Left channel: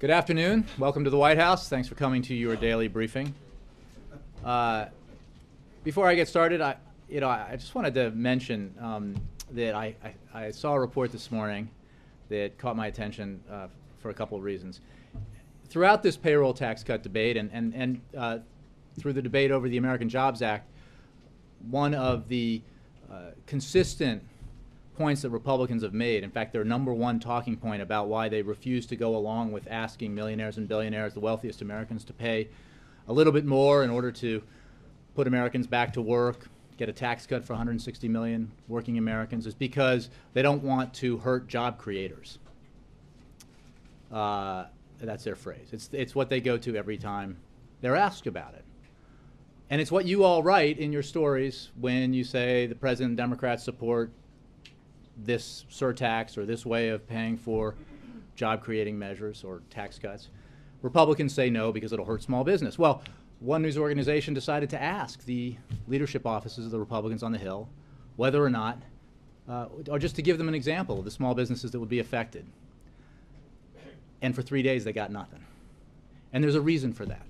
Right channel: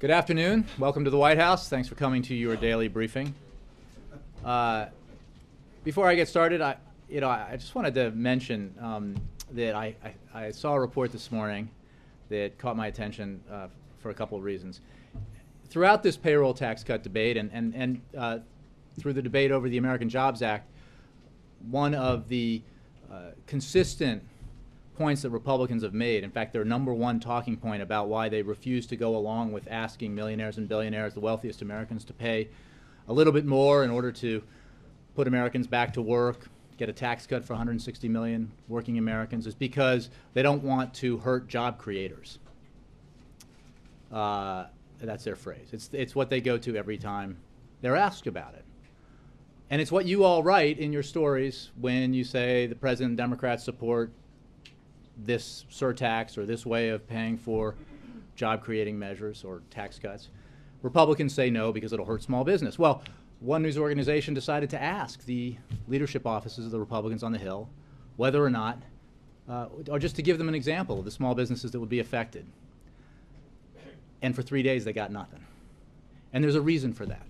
Good afternoon. Welcome to the White House. Thanks for coming to your daily briefing. Before I get started, I just wanted to mention that I saw a report this morning that caught my attention for a couple of reasons. Throughout this payroll tax cut debate and through the debate over the American Jobs Act, one of the consistent points that Republicans have made, in fact, their number one talking point about why they refuse to go along with asking millionaires and billionaires, the wealthiest Americans, to pay a little bit more in order to put Americans back to work, get a tax cut for 160 million working Americans, is because they don't want to hurt job creators. That's their phrase. It's what they go to every time they're asked about it. And it's what you all write in your stories when you say the President and Democrats support this surtax or this way of paying for job-creating measures or tax cuts. Republicans say no because it'll hurt small business. Well, one news organization decided to ask the leadership offices of the Republicans on the Hill whether or not, or just to give them an example of the small businesses that would be affected. And for 3 days they got nothing. And there's a reason for that.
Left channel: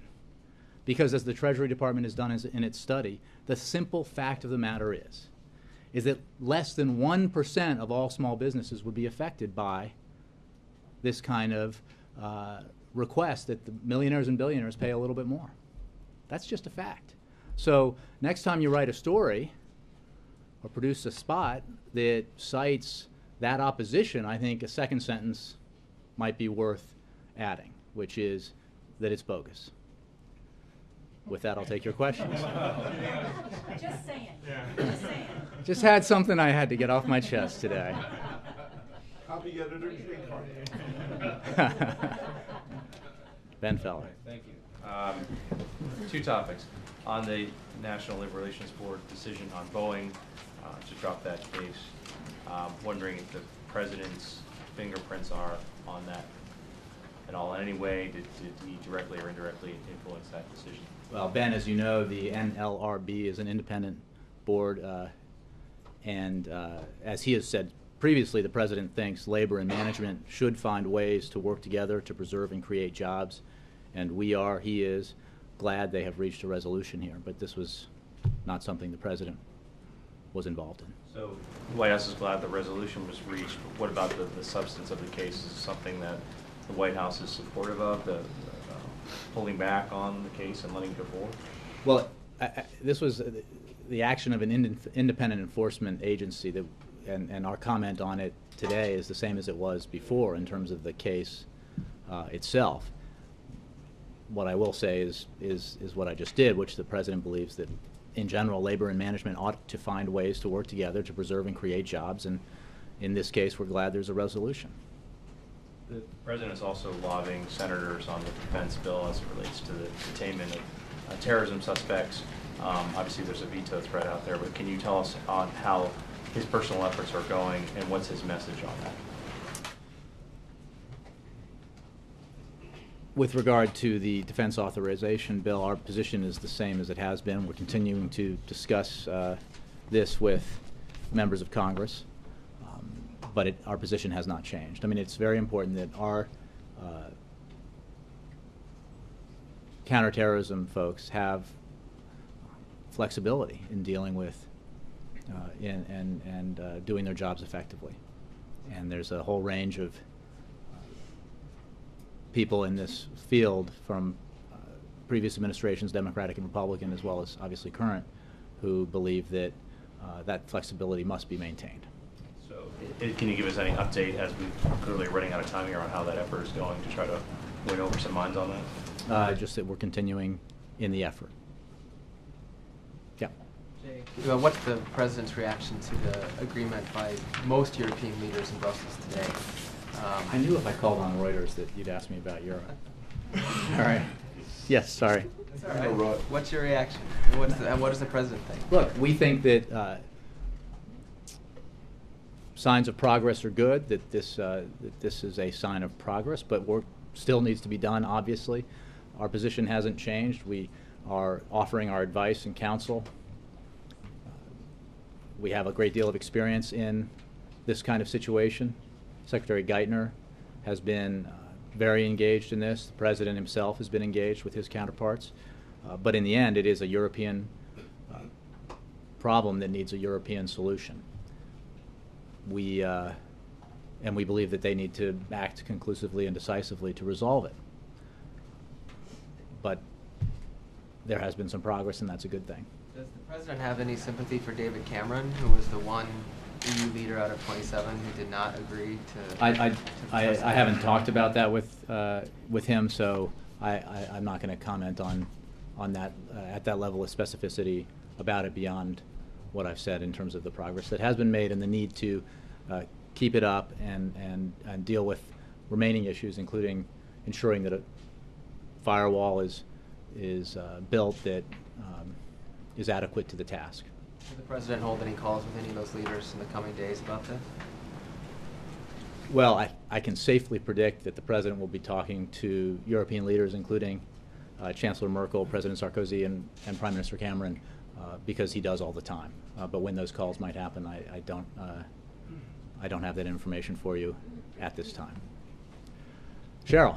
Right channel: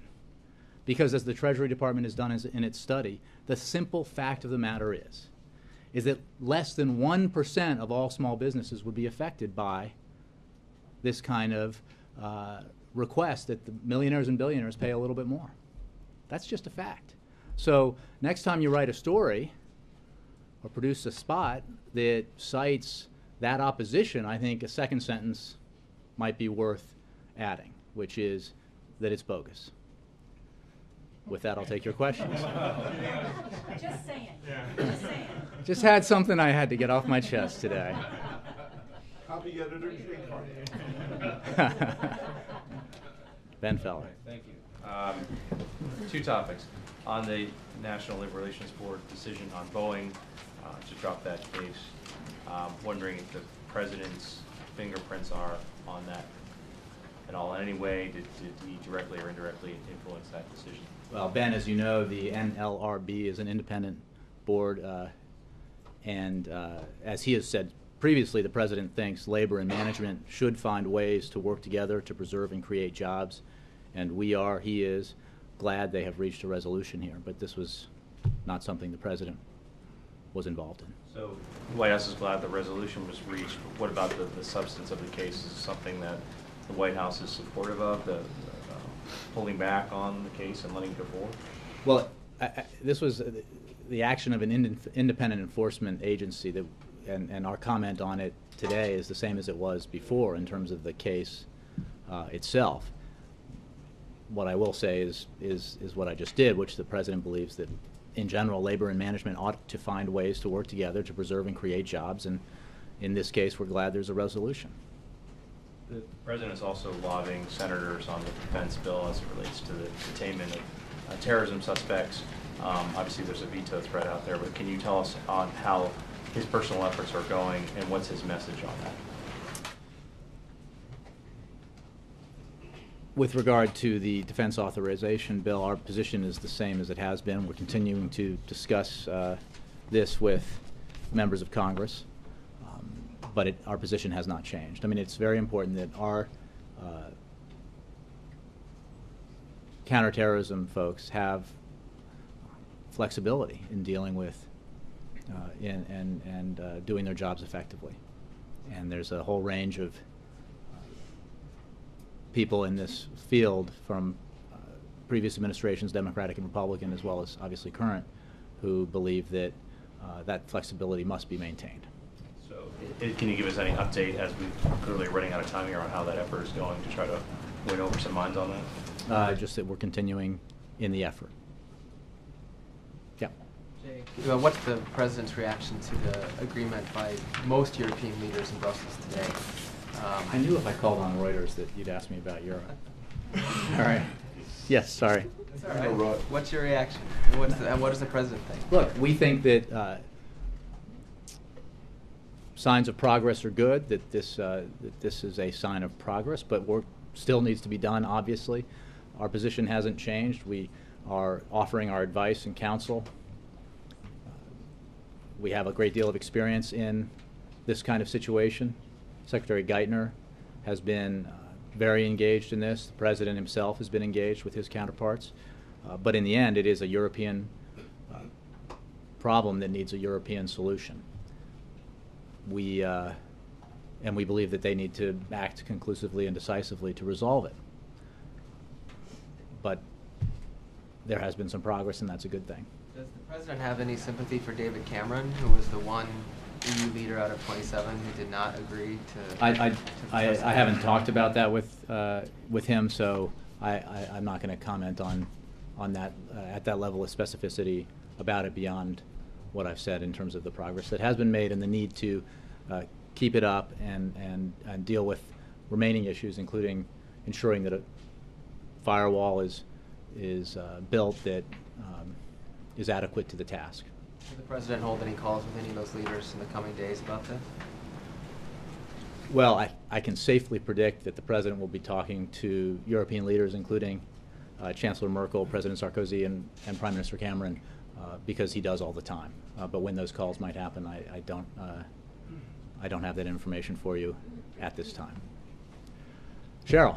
Because as the Treasury Department has done in its study, the simple fact of the matter is that less than 1% of all small businesses would be affected by this kind of request that the millionaires and billionaires pay a little bit more. That's just a fact. So next time you write a story or produce a spot that cites that opposition, I think a second sentence might be worth adding, which is that it's bogus. With that, I'll take your questions. Just saying. Just saying. Just had something I had to get off my chest today. Copy editor shake. Ben Feller. Thank you. Two topics. On the National Labor Relations Board decision on Boeing to drop that case, wondering if the President's fingerprints are on that at all. In any way, did he directly or indirectly influence that decision? Well, Ben, as you know, the NLRB is an independent board, and as he has said previously, the President thinks labor and management should find ways to work together to preserve and create jobs, and he is, glad they have reached a resolution here, but this was not something the President was involved in. So the White House is glad the resolution was reached, but what about the substance of the case? Is it something that the White House is supportive of, pulling back on the case and letting it go forward? Well, this was the action of an independent enforcement agency, and our comment on it today is the same as it was before in terms of the case itself. What I will say is what I just did, which the President believes that in general labor and management ought to find ways to work together to preserve and create jobs, and in this case we're glad there's a resolution. The President is also lobbying senators on the defense bill as it relates to the detainment of terrorism suspects. Obviously there's a veto threat out there, but can you tell us on how his personal efforts are going and what's his message on that? With regard to the defense authorization bill, our position is the same as it has been. We're continuing to discuss this with members of Congress, but our position has not changed. I mean, it's very important that our counterterrorism folks have flexibility in dealing with and doing their jobs effectively. And there's a whole range of people in this field from previous administrations, Democratic and Republican, as well as obviously current, who believe that that flexibility must be maintained. So can you give us any update, as we're clearly running out of time here, on how that effort is going to try to win over some minds on that? Just that we're continuing in the effort. Yeah. Jay, what's the President's reaction to the agreement by most European leaders in Brussels today? I knew if I called on Reuters that you'd ask me about Europe. All right. Yes, sorry. All right. What's your reaction? What does the President think? Look, we think that signs of progress are good, that this is a sign of progress, but work still needs to be done, obviously. Our position hasn't changed. We are offering our advice and counsel. We have a great deal of experience in this kind of situation. Secretary Geithner has been very engaged in this. The president himself has been engaged with his counterparts. But in the end, it is a European problem that needs a European solution. And we believe that they need to act conclusively and decisively to resolve it. But there has been some progress, and that's a good thing. Does the president have any sympathy for David Cameron, who was the one EU leader out of 27 who did not agree to? I haven't talked about that with him, so I'm not going to comment on that at that level of specificity about it beyond what I've said in terms of the progress that has been made and the need to keep it up and deal with remaining issues, including ensuring that a firewall is built that is adequate to the task. Will the president hold any calls with any of those leaders in the coming days about this? Well, I can safely predict that the president will be talking to European leaders, including Chancellor Merkel, President Sarkozy, and Prime Minister Cameron, because he does all the time. But when those calls might happen, I don't have that information for you at this time. Cheryl.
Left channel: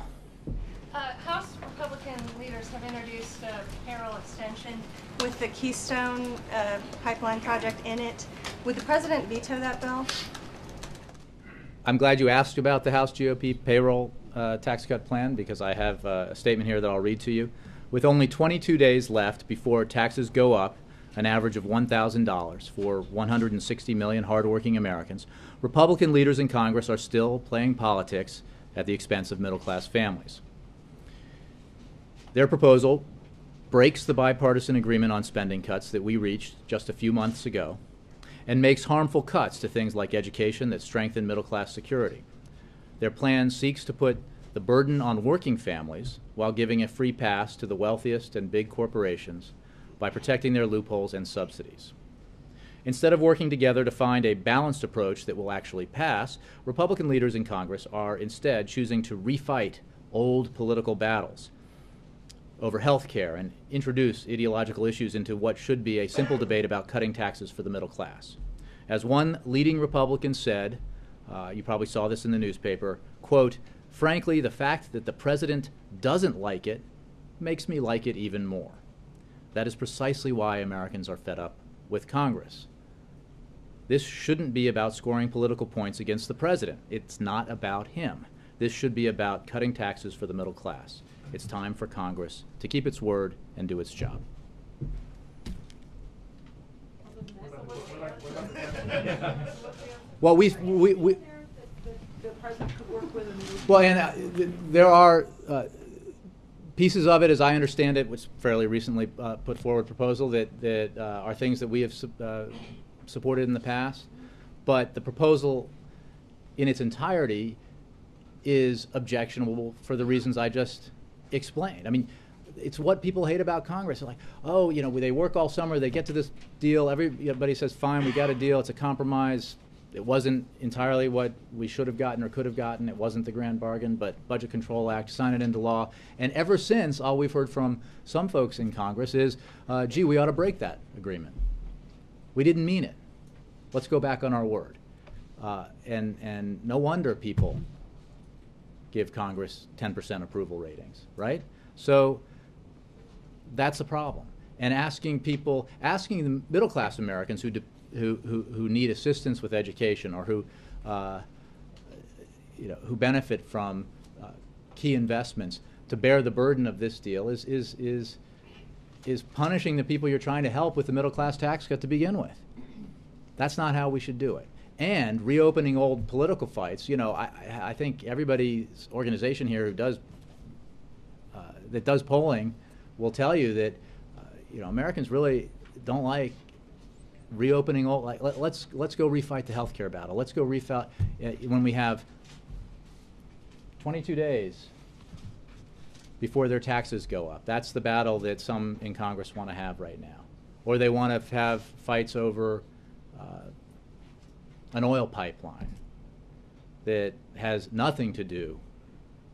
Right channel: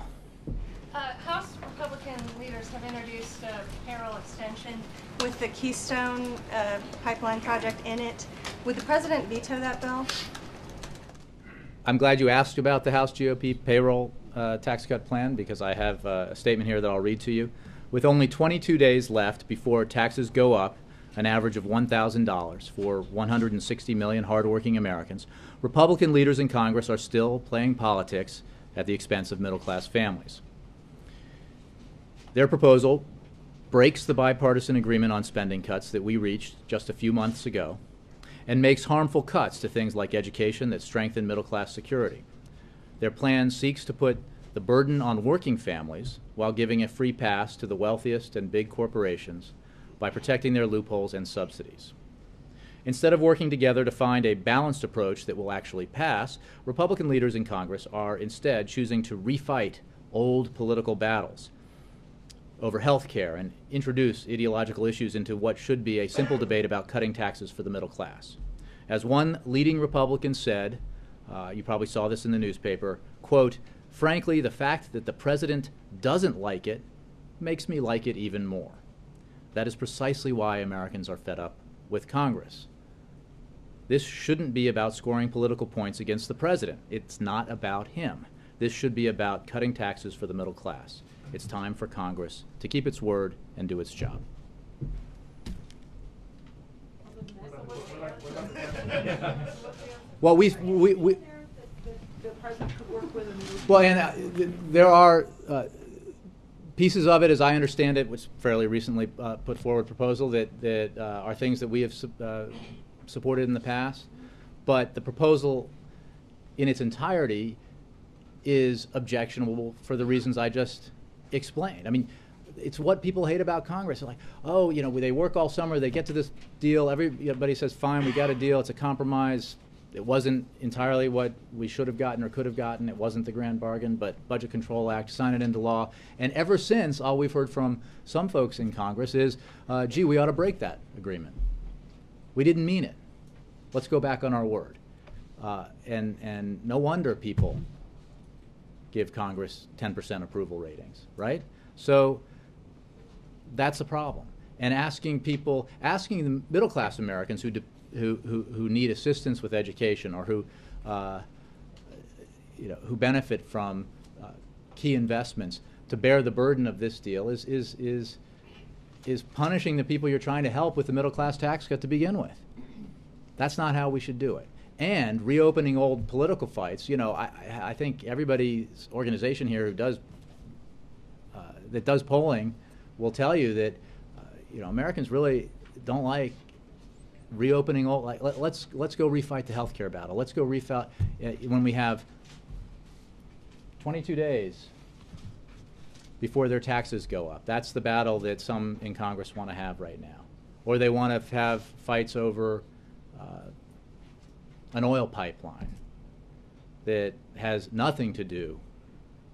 House Republican leaders have introduced a payroll extension with the Keystone pipeline project in it. Would the president veto that bill? I'm glad you asked about the House GOP payroll tax cut plan, because I have a statement here that I'll read to you. With only 22 days left before taxes go up an average of $1,000 for 160 million hardworking Americans, Republican leaders in Congress are still playing politics at the expense of middle-class families. Their proposal breaks the bipartisan agreement on spending cuts that we reached just a few months ago and makes harmful cuts to things like education that strengthen middle-class security. Their plan seeks to put the burden on working families while giving a free pass to the wealthiest and big corporations by protecting their loopholes and subsidies. Instead of working together to find a balanced approach that will actually pass, Republican leaders in Congress are instead choosing to refight old political battles over health care and introduce ideological issues into what should be a simple debate about cutting taxes for the middle class. As one leading Republican said, you probably saw this in the newspaper, quote, "Frankly, the fact that the president doesn't like it makes me like it even more." That is precisely why Americans are fed up with Congress. This shouldn't be about scoring political points against the president. It's not about him. This should be about cutting taxes for the middle class. It's time for Congress to keep its word and do its job. Well, there are pieces of it, as I understand it, which fairly recently put forward proposal that are things that we have supported in the past, but the proposal in its entirety is objectionable for the reasons I just explained. I mean, it's what people hate about Congress. They're like, oh, you know, they work all summer, they get to this deal, everybody says, fine, we got a deal, it's a compromise. It wasn't entirely what we should have gotten or could have gotten. It wasn't the grand bargain, but Budget Control Act, sign it into law. And ever since, all we've heard from some folks in Congress is, gee, we ought to break that agreement. We didn't mean it. Let's go back on our word. And no wonder people give Congress 10% approval ratings, right? So that's a problem. And asking the middle-class Americans who need assistance with education or who benefit from key investments to bear the burden of this deal is punishing the people you're trying to help with the middle class tax cut to begin with. That's not how we should do it. And reopening old political fights. You know, I think everybody's organization here who does that does polling will tell you that Americans really don't like reopening old. Like, let's go refight the healthcare battle. Let's go refight when we have 22 days before their taxes go up. That's the battle that some in Congress want to have right now, or they want to have fights over an oil pipeline that has nothing to do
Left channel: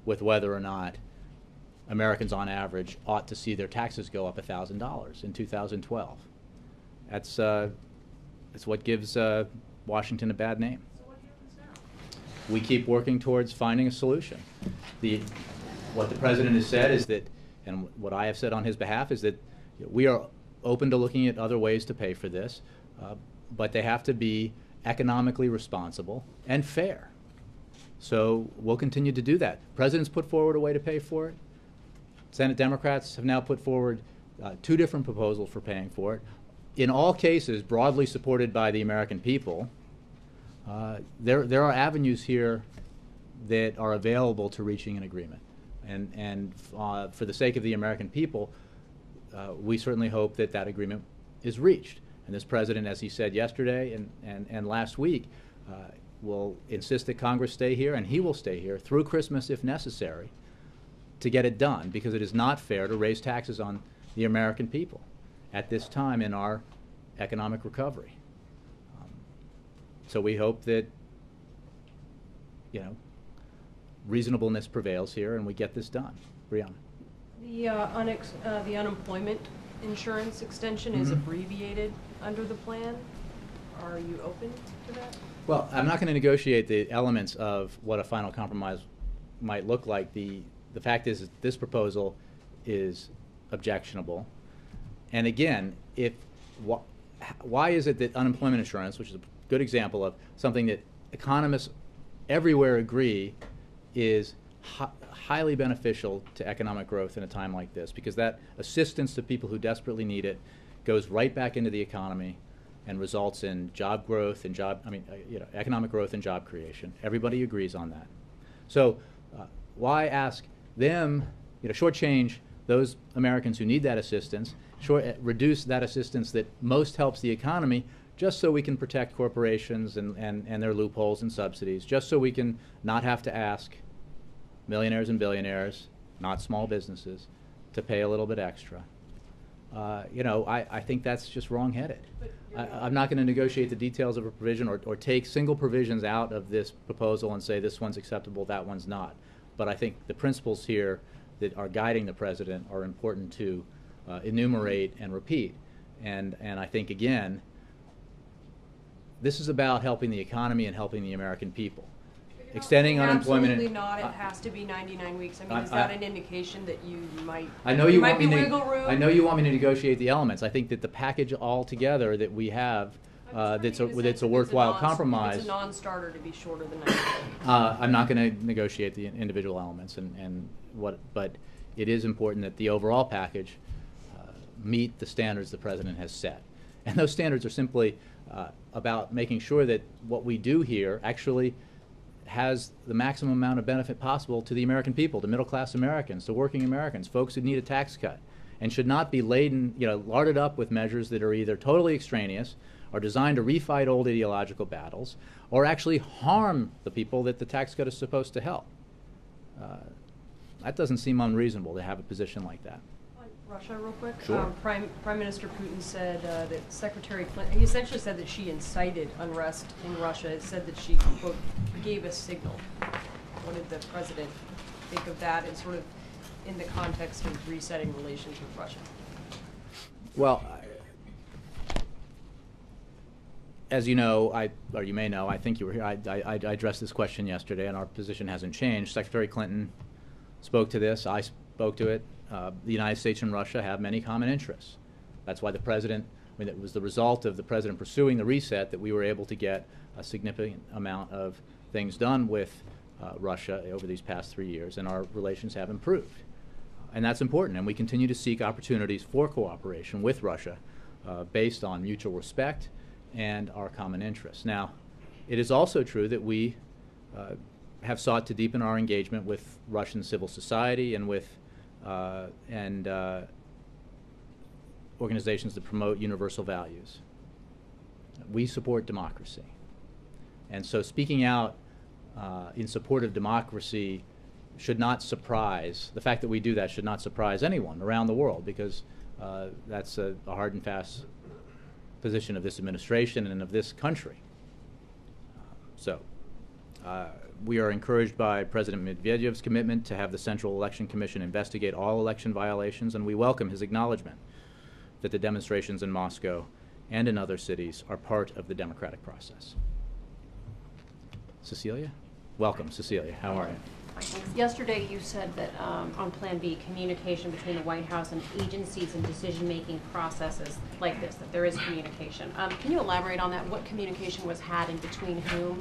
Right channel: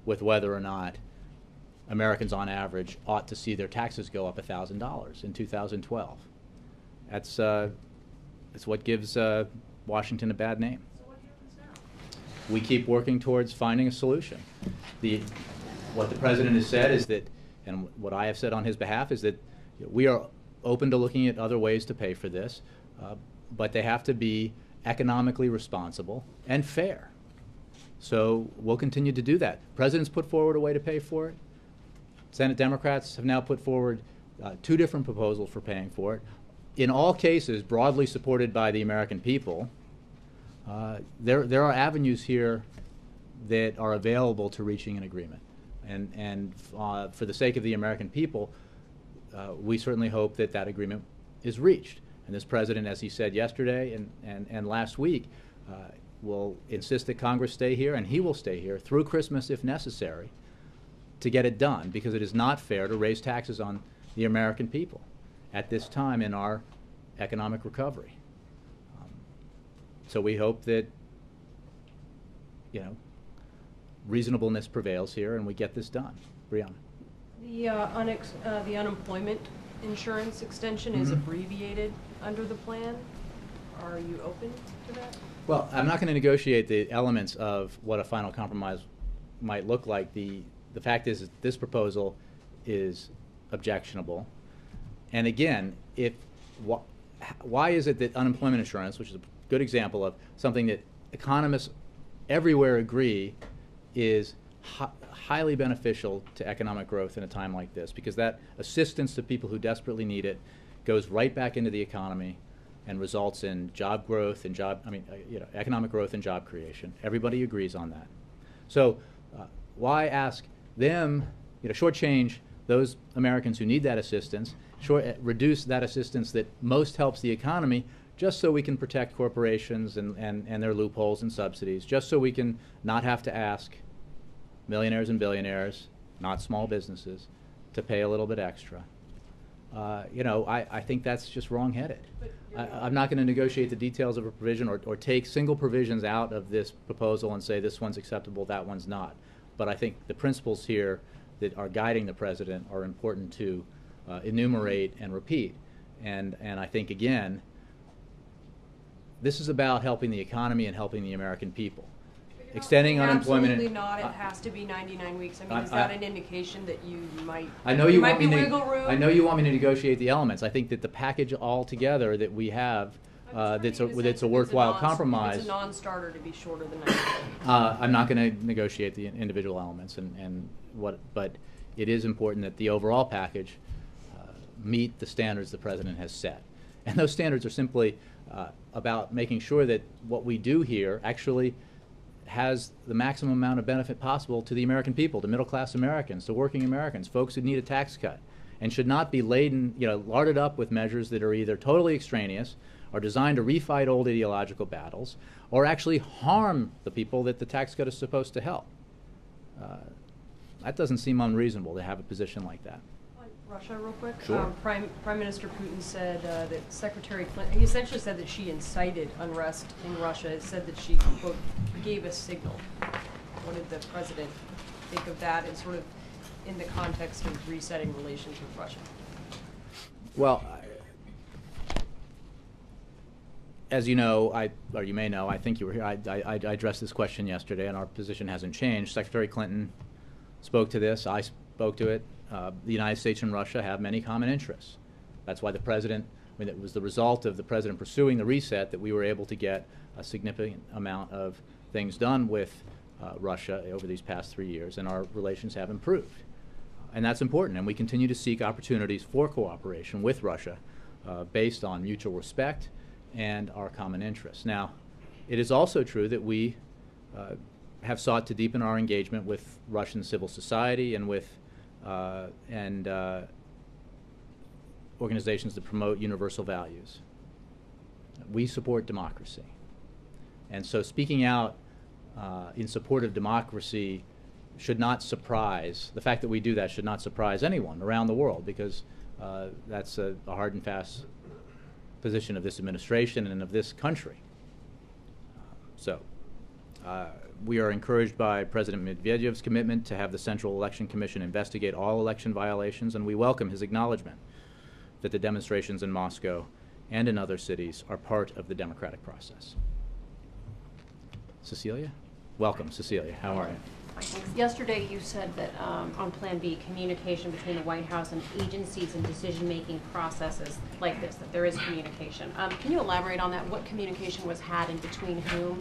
with whether or not Americans on average ought to see their taxes go up $1,000 in 2012. That's what gives Washington a bad name. we keep working towards finding a solution. What the president has said is that, and what I have said on his behalf is that we are open to looking at other ways to pay for this, but they have to be economically responsible and fair. So we'll continue to do that. President's put forward a way to pay for it. Senate Democrats have now put forward 2 different proposals for paying for it. In all cases, broadly supported by the American people. There are avenues here that are available to reaching an agreement. And for the sake of the American people, we certainly hope that that agreement is reached. And this president, as he said yesterday and last week, will insist that Congress stay here, and he will stay here through Christmas if necessary to get it done, because it is not fair to raise taxes on the American people at this time in our economic recovery. So we hope that, reasonableness prevails here and we get this done. Brianna. The unemployment insurance extension is abbreviated under the plan. Are you open to that? Well, I'm not going to negotiate the elements of what a final compromise might look like. The fact is that this proposal is objectionable. And again, why is it that unemployment insurance, which is a good example of something that economists everywhere agree is highly beneficial to economic growth in a time like this, because that assistance to people who desperately need it goes right back into the economy and results in job growth and economic growth and job creation. Everybody agrees on that. So why ask them, shortchange those Americans who need that assistance, reduce that assistance that most helps the economy, just so we can protect corporations and their loopholes and subsidies, just so we can not have to ask millionaires and billionaires, not small businesses, to pay a little bit extra. I think that's just wrong-headed. I'm not going to negotiate the details of a provision or take single provisions out of this proposal and say this one's acceptable, that one's not. But I think the principles here that are guiding the president are important to enumerate and repeat. And I think, again, this is about helping the economy and helping the American people. Extending unemployment. Absolutely not. It has to be 99 weeks. I mean, is that an indication that you might? I know you want me to negotiate the elements. I think that the package altogether that we have, that's a worthwhile compromise. It's a non-starter to be shorter than 90 days. I'm not going to negotiate the individual elements, but it is important that the overall package meet the standards the president has set, and those standards are simply about making sure that what we do here actually has the maximum amount of benefit possible to the American people, to middle-class Americans, to working Americans, folks who need a tax cut, and should not be larded up with measures that are either totally extraneous or designed to refight old ideological battles or actually harm the people that the tax cut is supposed to help. That doesn't seem unreasonable to have a position like that. Russia, real quick. Sure. Prime Minister Putin said that Secretary Clinton, he essentially said that she incited unrest in Russia. It said that she, quote, gave a signal. What did the president think of that, and sort of in the context of resetting relations with Russia? Well, as you know, or you may know, I think you were here, I addressed this question yesterday, and our position hasn't changed. Secretary Clinton spoke to this. I spoke to it. The United States and Russia have many common interests. That's why the president, it was the result of the president pursuing the reset that we were able to get a significant amount of things done with Russia over these past 3 years, and our relations have improved. And that's important, and we continue to seek opportunities for cooperation with Russia based on mutual respect and our common interests. Now, it is also true that we have sought to deepen our engagement with Russian civil society and with organizations that promote universal values. We support democracy. And so speaking out in support of democracy should not surprise, the fact that we do that should not surprise anyone around the world, because that's a hard and fast position of this administration and of this country. We are encouraged by President Medvedev's commitment to have the Central Election Commission investigate all election violations, and we welcome his acknowledgement that the demonstrations in Moscow and in other cities are part of the democratic process. Cecilia? Welcome, Cecilia. How are you? Yesterday you said that on Plan B, communication between the White House and agencies and decision-making processes like this, that there is communication. Can you elaborate on that? What communication was had and between whom?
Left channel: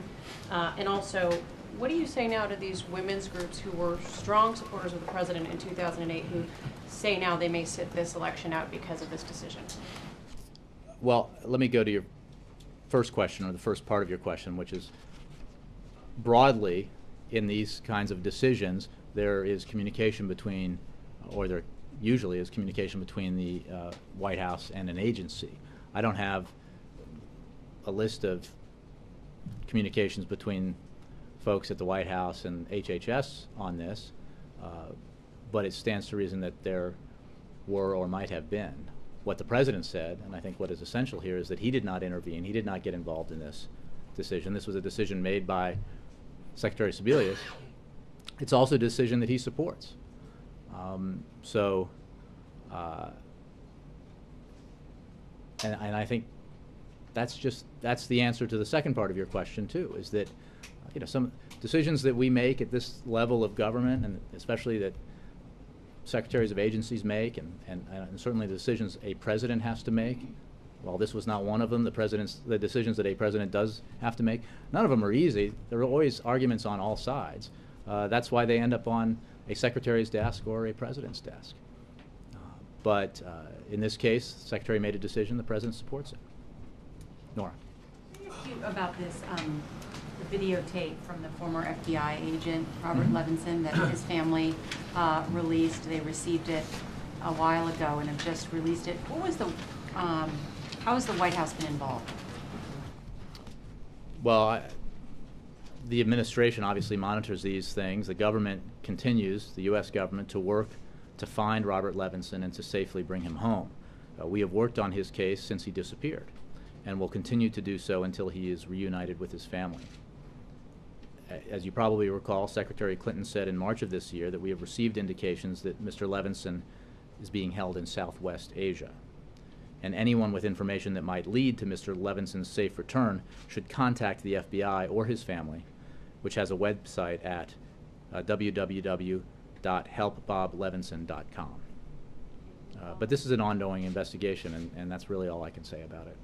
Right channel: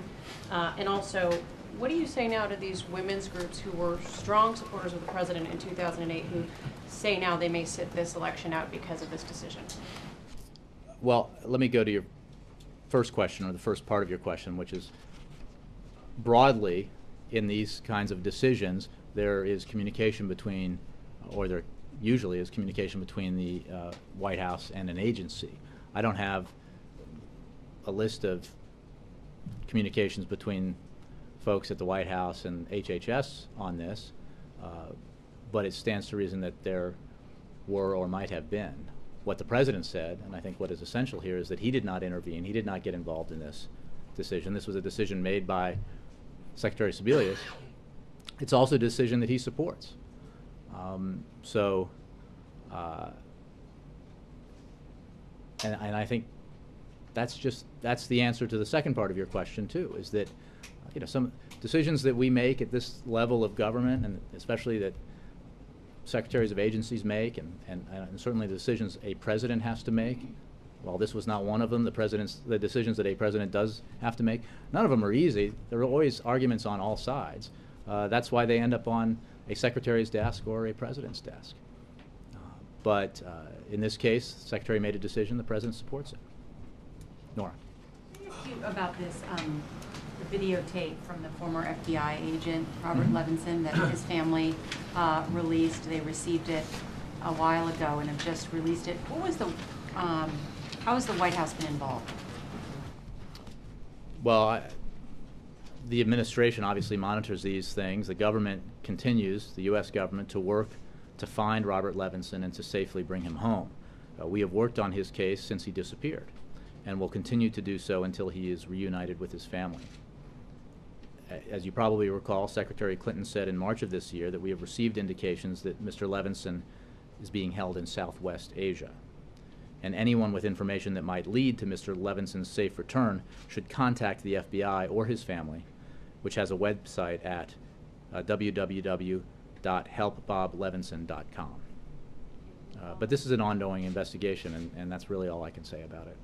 And also, what do you say now to these women's groups who were strong supporters of the president in 2008 who say now they may sit this election out because of this decision? Well, let me go to your first question, or the first part of your question, which is broadly, in these kinds of decisions, there is communication between, or there usually is communication between the White House and an agency. I don't have a list of communications between folks at the White House and HHS on this, but it stands to reason that there were or might have been. What the president said, and I think what is essential here, is that he did not intervene, he did not get involved in this decision. This was a decision made by Secretary Sebelius. It's also a decision that he supports. And I think that's the answer to the second part of your question too, is that some decisions that we make at this level of government, and especially that secretaries of agencies make, and certainly the decisions a president has to make. While this was not one of them, the decisions that a president does have to make, none of them are easy. There are always arguments on all sides. That's why they end up on a secretary's desk or a president's desk. But in this case, the secretary made a decision, the president supports it. Nora. About this videotape from the former FBI agent, Robert Levinson, that his family released. They received it a while ago and have just released it. What was the, how has the White House been involved? Well, the administration obviously monitors these things. The government continues, the U.S. government, to work to find Robert Levinson and to safely bring him home. We have worked on his case since he disappeared, and will continue to do so until he is reunited with his family. As you probably recall, Secretary Clinton said in March of this year that we have received indications that Mr. Levinson is being held in Southwest Asia. And anyone with information that might lead to Mr. Levinson's safe return should contact the FBI or his family, which has a website at www.helpboblevinson.com. But this is an ongoing investigation, and that's really all I can say about it.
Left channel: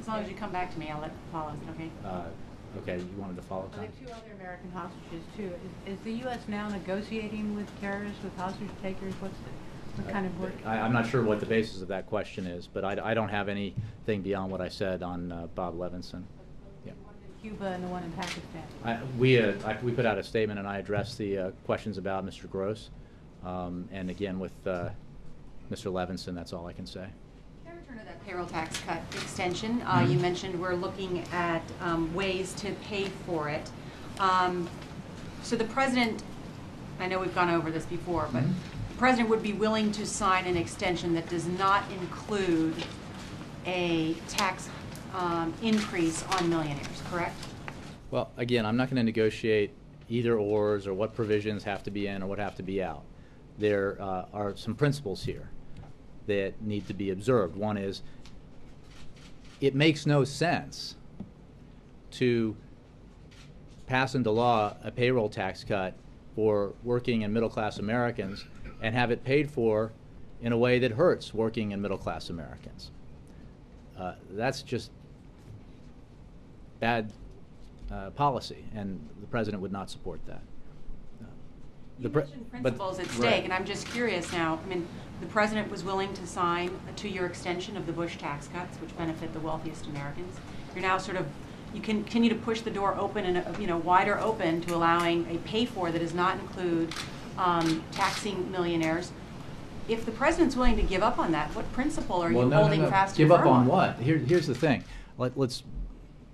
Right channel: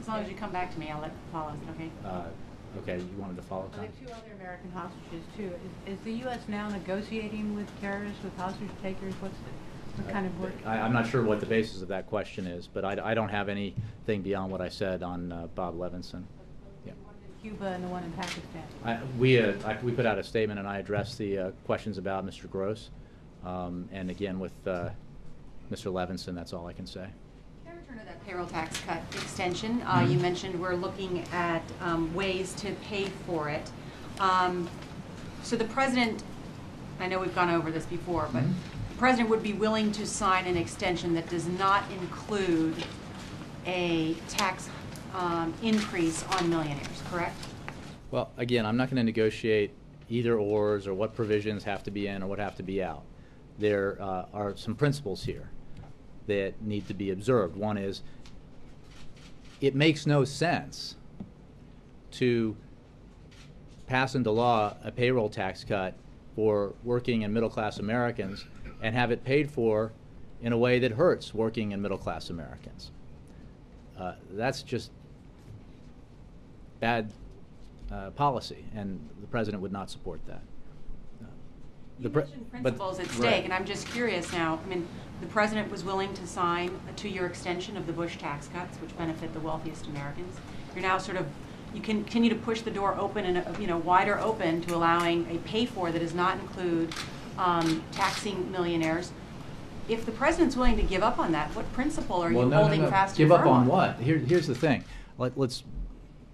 As long as you come back to me, I'll let it follow. Is it okay? Okay, you wanted to follow? There are two other American hostages, too. Is the U.S. now negotiating with terrorists, with hostage takers? What kind of work? I'm not sure what the basis of that question is, but I don't have anything beyond what I said on Bob Levinson. Yeah. Cuba and the one in Pakistan. We put out a statement, and I addressed the questions about Mr. Gross. And again, with Mr. Levinson, that's all I can say. That payroll tax cut extension, you mentioned we're looking at ways to pay for it. So the president, I know we've gone over this before, but the president would be willing to sign an extension that does not include a tax increase on millionaires, correct? Well, again, I'm not going to negotiate either ors or what provisions have to be in or what have to be out. There are some principles here that need to be observed. One is, it makes no sense to pass into law a payroll tax cut for working and middle-class Americans and have it paid for in a way that hurts working and middle-class Americans. That's just bad policy, and the president would not support that. Principles at stake, and I'm just curious now. I mean, the president was willing to sign a 2-year extension of the Bush tax cuts, which benefit the wealthiest Americans. You're now you continue to push the door open and wider open to allowing a pay-for that does not include taxing millionaires. If the president's willing to give up on that, what principle are you holding fast to? Give up on what? Here's the thing.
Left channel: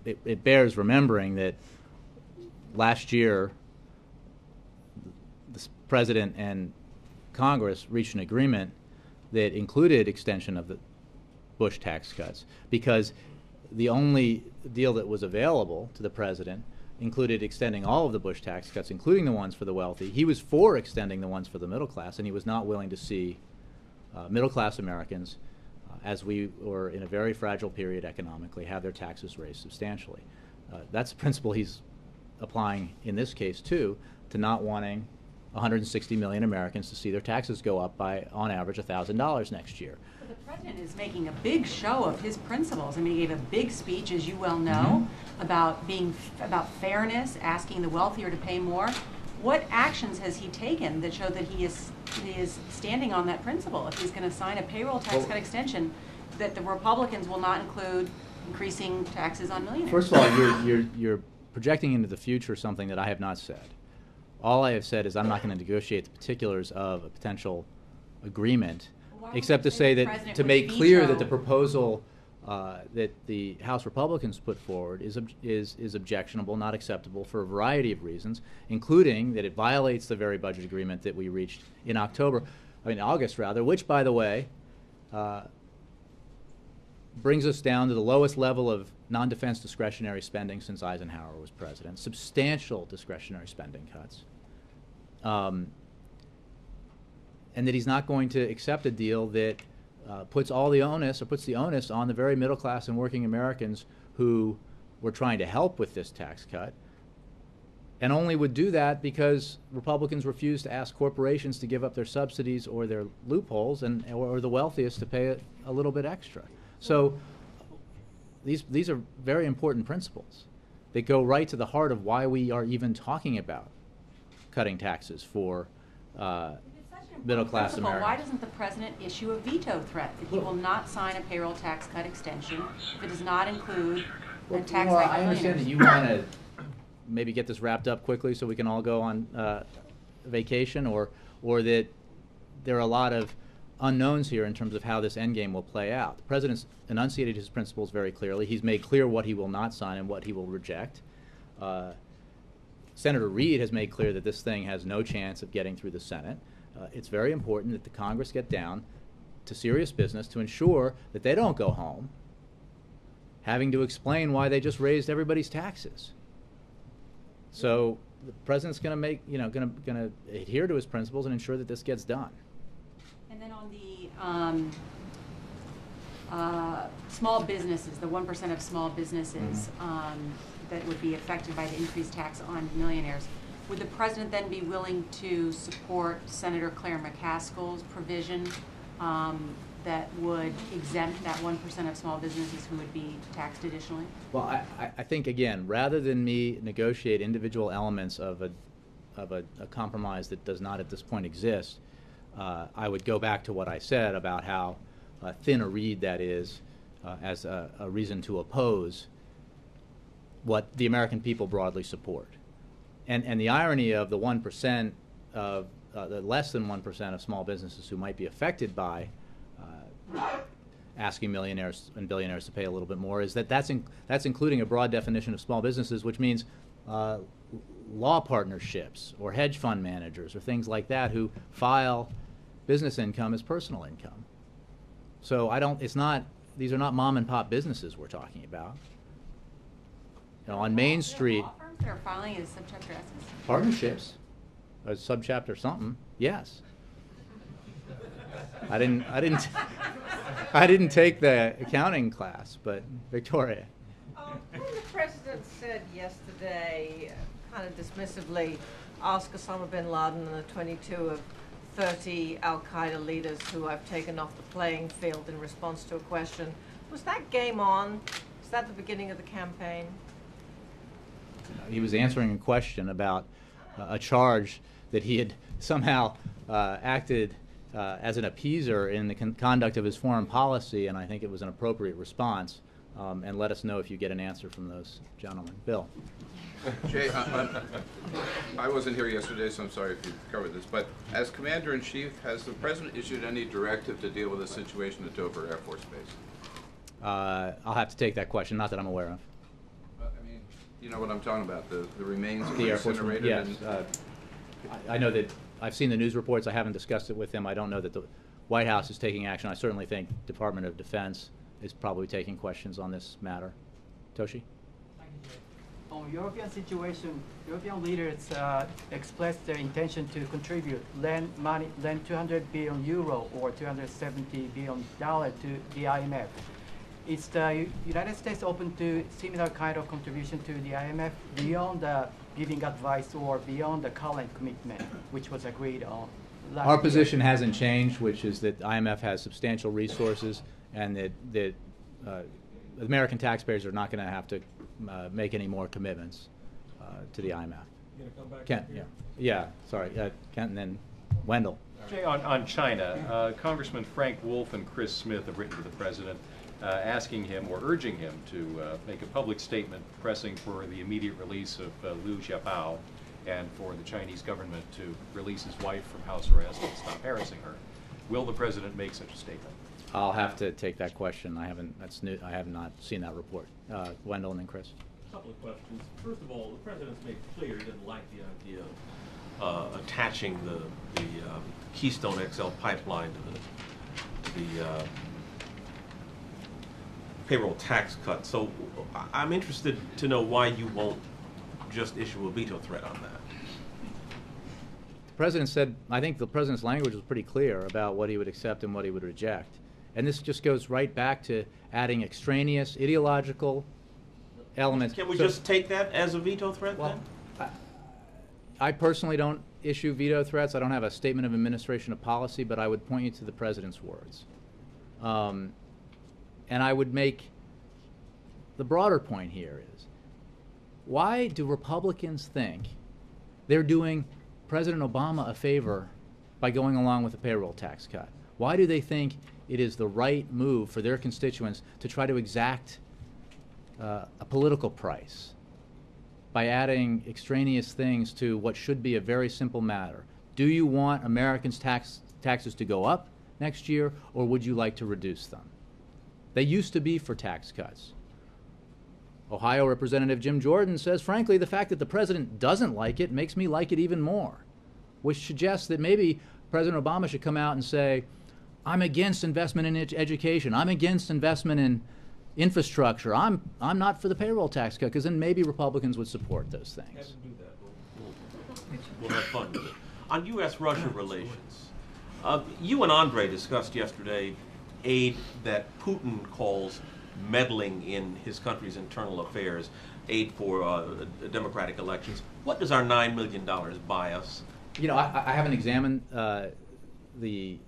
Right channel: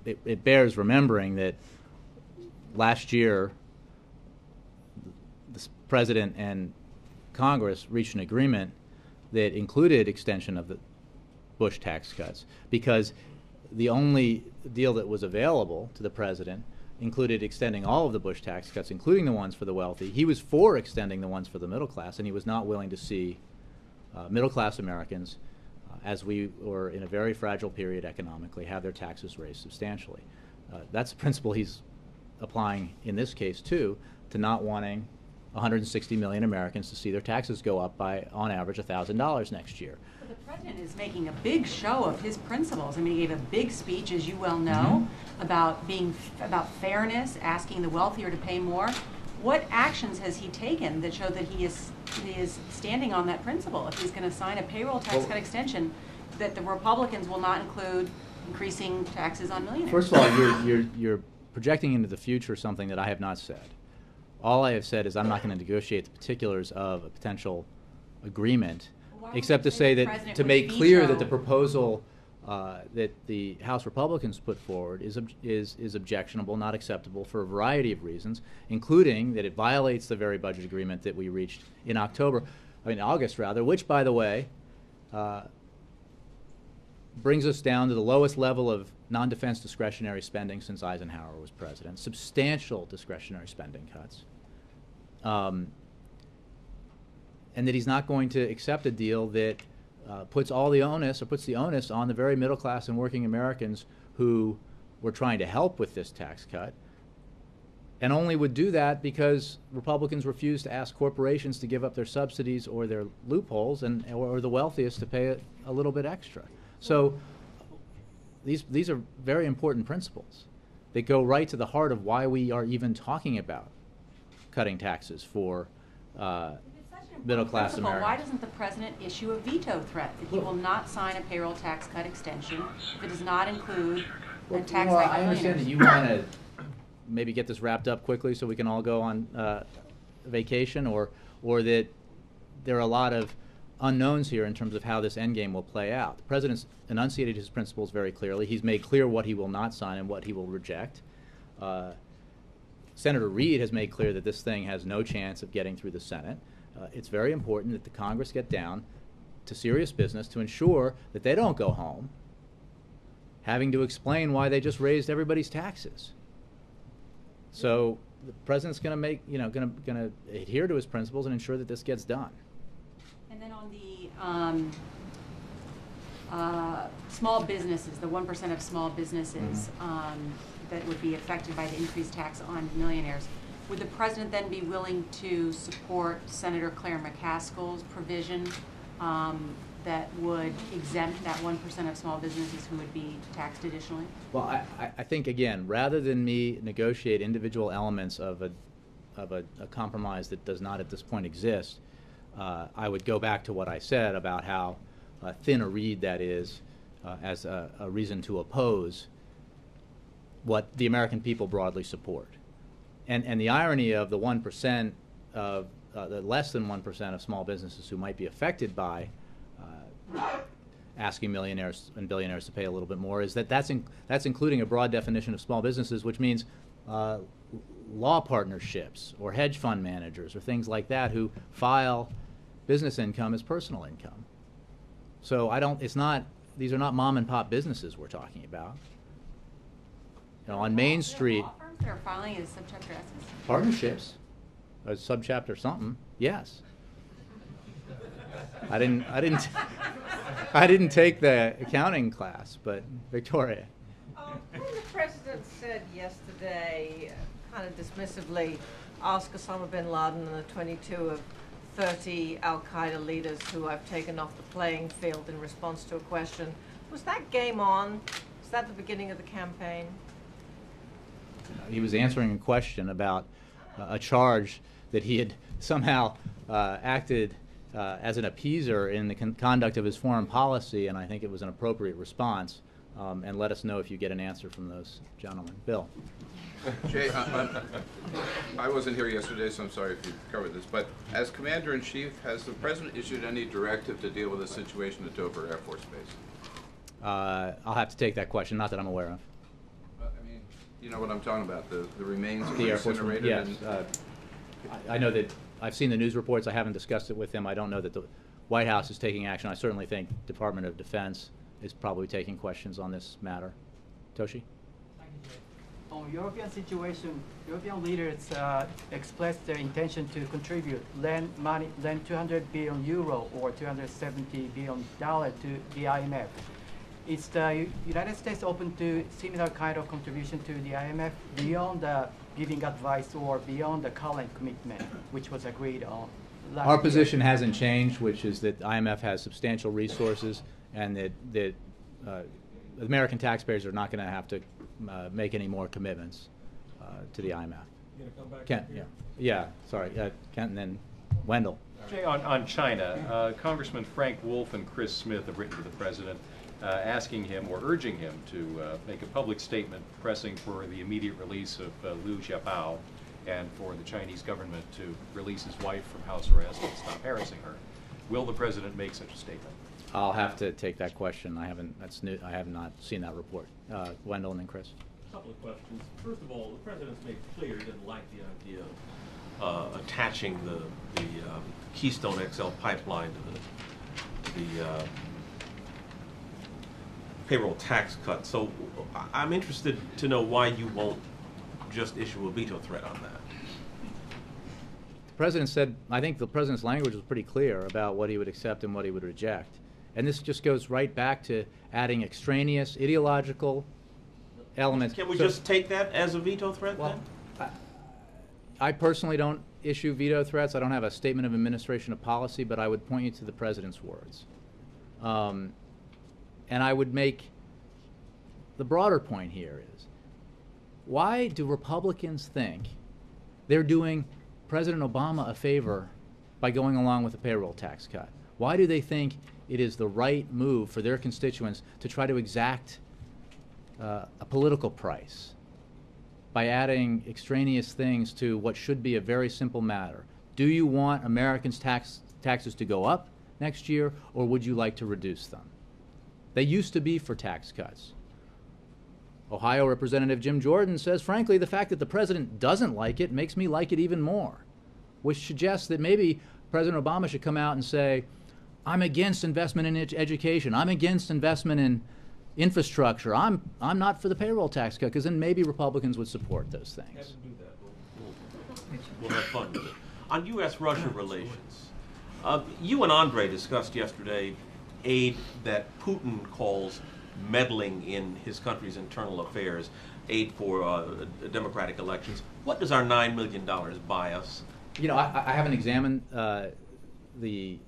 It bears remembering that last year, the president and Congress reached an agreement that included extension of the Bush tax cuts, because the only deal that was available to the president included extending all of the Bush tax cuts, including the ones for the wealthy. He was for extending the ones for the middle class, and he was not willing to see middle class Americans, as we were in a very fragile period economically, have their taxes raised substantially. That's a principle he's applying in this case too to not wanting 160 million Americans to see their taxes go up by, on average, $1,000 next year. The president is making a big show of his principles. I mean, he gave a big speech, as you well know, about fairness, asking the wealthier to pay more. What actions has he taken that show that he is standing on that principle? If he's going to sign a payroll tax cut extension, that the Republicans will not include increasing taxes on millionaires. First of all, you're projecting into the future something that I have not said. All I have said is I'm not going to negotiate the particulars of a potential agreement, except to say that to make clear that the proposal that the House Republicans put forward is objectionable, not acceptable for a variety of reasons, including that it violates the very budget agreement that we reached in August, which, by the way, brings us down to the lowest level of non-defense discretionary spending since Eisenhower was president. Substantial discretionary spending cuts. And that he's not going to accept a deal that puts the onus on the very middle class and working Americans who were trying to help with this tax cut, and only would do that because Republicans refuse to ask corporations to give up their subsidies or their loopholes, or the wealthiest to pay a little bit extra. So these are very important principles. They go right to the heart of why we are even talking about cutting taxes for middle-class Americans. Why doesn't the president issue a veto threat that he will not sign a payroll tax cut extension if it does not include a tax cut on millionaires? I understand that you want to maybe get this wrapped up quickly so we can all go on vacation, or that there are a lot of unknowns here in terms of how this endgame will play out. The president's enunciated his principles very clearly. He's made clear what he will not sign and what he will reject. Senator Reid has made clear that this thing has no chance of getting through the Senate. It's very important that the Congress get down to serious business to ensure that they don't go home having to explain why they just raised everybody's taxes. So the president's going to adhere to his principles and ensure that this gets done. And then on the small businesses, the 1% of small businesses that would be affected by the increased tax on millionaires, would the president then be willing to support Senator Claire McCaskill's provision that would exempt that 1% of small businesses who would be taxed additionally? Well, I think, again, rather than me negotiate individual elements of a compromise that does not at this point exist, I would go back to what I said about how thin a reed that is as a reason to oppose what the American people broadly support. And the irony of the 1% of the less than 1% of small businesses who might be affected by asking millionaires and billionaires to pay a little bit more is that's including a broad definition of small businesses, which means law partnerships or hedge fund managers or things like that who file business income as personal income. So these are not mom and pop businesses we're talking about. On Main Street, law firms that are filing as subchapter S. Partnerships, or subchapter something. Yes. I didn't take the accounting class, but Victoria. When the president said yesterday, kind of dismissively, ask Osama bin Laden and the 22 of 30 Al-Qaeda leaders who I've taken off the playing field in response to a question, was that game on? Was that the beginning of the campaign? He was answering a question about a charge that he had somehow acted as an appeaser in the conduct of his foreign policy, and I think it was an appropriate response. And let us know if you get an answer from those gentlemen. Bill. Jay, I wasn't here yesterday, so I'm sorry if you covered this, but as Commander-in-Chief, has the President issued any directive to deal with the situation at Dover Air Force Base? I'll have to take that question, not that I'm aware of. You know what I'm talking about, the remains of The Air Force, incinerated? yes. I know that I've seen the news reports. I haven't discussed it with him. I don't know that the White House is taking action. I certainly think Department of Defense is probably taking questions on this matter. Toshi? On European situation, European leaders expressed their intention to contribute, lend 200 billion euro or $270 billion to the IMF. is the United States open to similar kind of contribution to the IMF beyond giving advice or beyond the current commitment, which was agreed on last Our year? position hasn't changed, which is that IMF has substantial resources, and that American taxpayers are not going to have to make any more commitments to the IMF. Kent, sorry, Kent, and then Wendell. Jay, on China, Congressman Frank Wolf and Chris Smith have written to the president asking him or urging him to make a public statement pressing for the immediate release of Liu Xiaobao and for the Chinese government to release his wife from house arrest and stop harassing her. Will the president make such a statement? I'll have to take that question. I haven't. That's new. I have not seen that report. Wendell and then Chris. A couple of questions. First of all, the president's made clear he didn't like the idea of attaching the Keystone XL pipeline to the payroll tax cut. So I'm interested to know why you won't just issue a veto threat on that. The president said, I think the president's language was pretty clear about what he would accept and what he would reject. And this just goes right back to adding extraneous ideological elements. Can we just take that as a veto threat then? I personally don't issue veto threats. I don't have a statement of administration of policy, but I would point you to the president's words. And I would make the broader point here is, why do Republicans think they're doing President Obama a favor by going along with a payroll tax cut? Why do they think it is the right move for their constituents to try to exact a political price by adding extraneous things to what should be a very simple matter? Do you want Americans' taxes to go up next year, or would you like to reduce them? They used to be for tax cuts. Ohio Representative Jim Jordan says, frankly, the fact that the president doesn't like it makes me like it even more, which suggests that maybe President Obama should come out and say, I'm against investment in education. I'm against investment in infrastructure. I'm not for the payroll tax cut, because then maybe Republicans would support those things. We'll have fun with it. On U.S.-Russia relations, you and Andre discussed yesterday aid that Putin calls meddling in his country's internal affairs, aid for democratic elections. What does our $9 million buy us? You know, I haven't examined the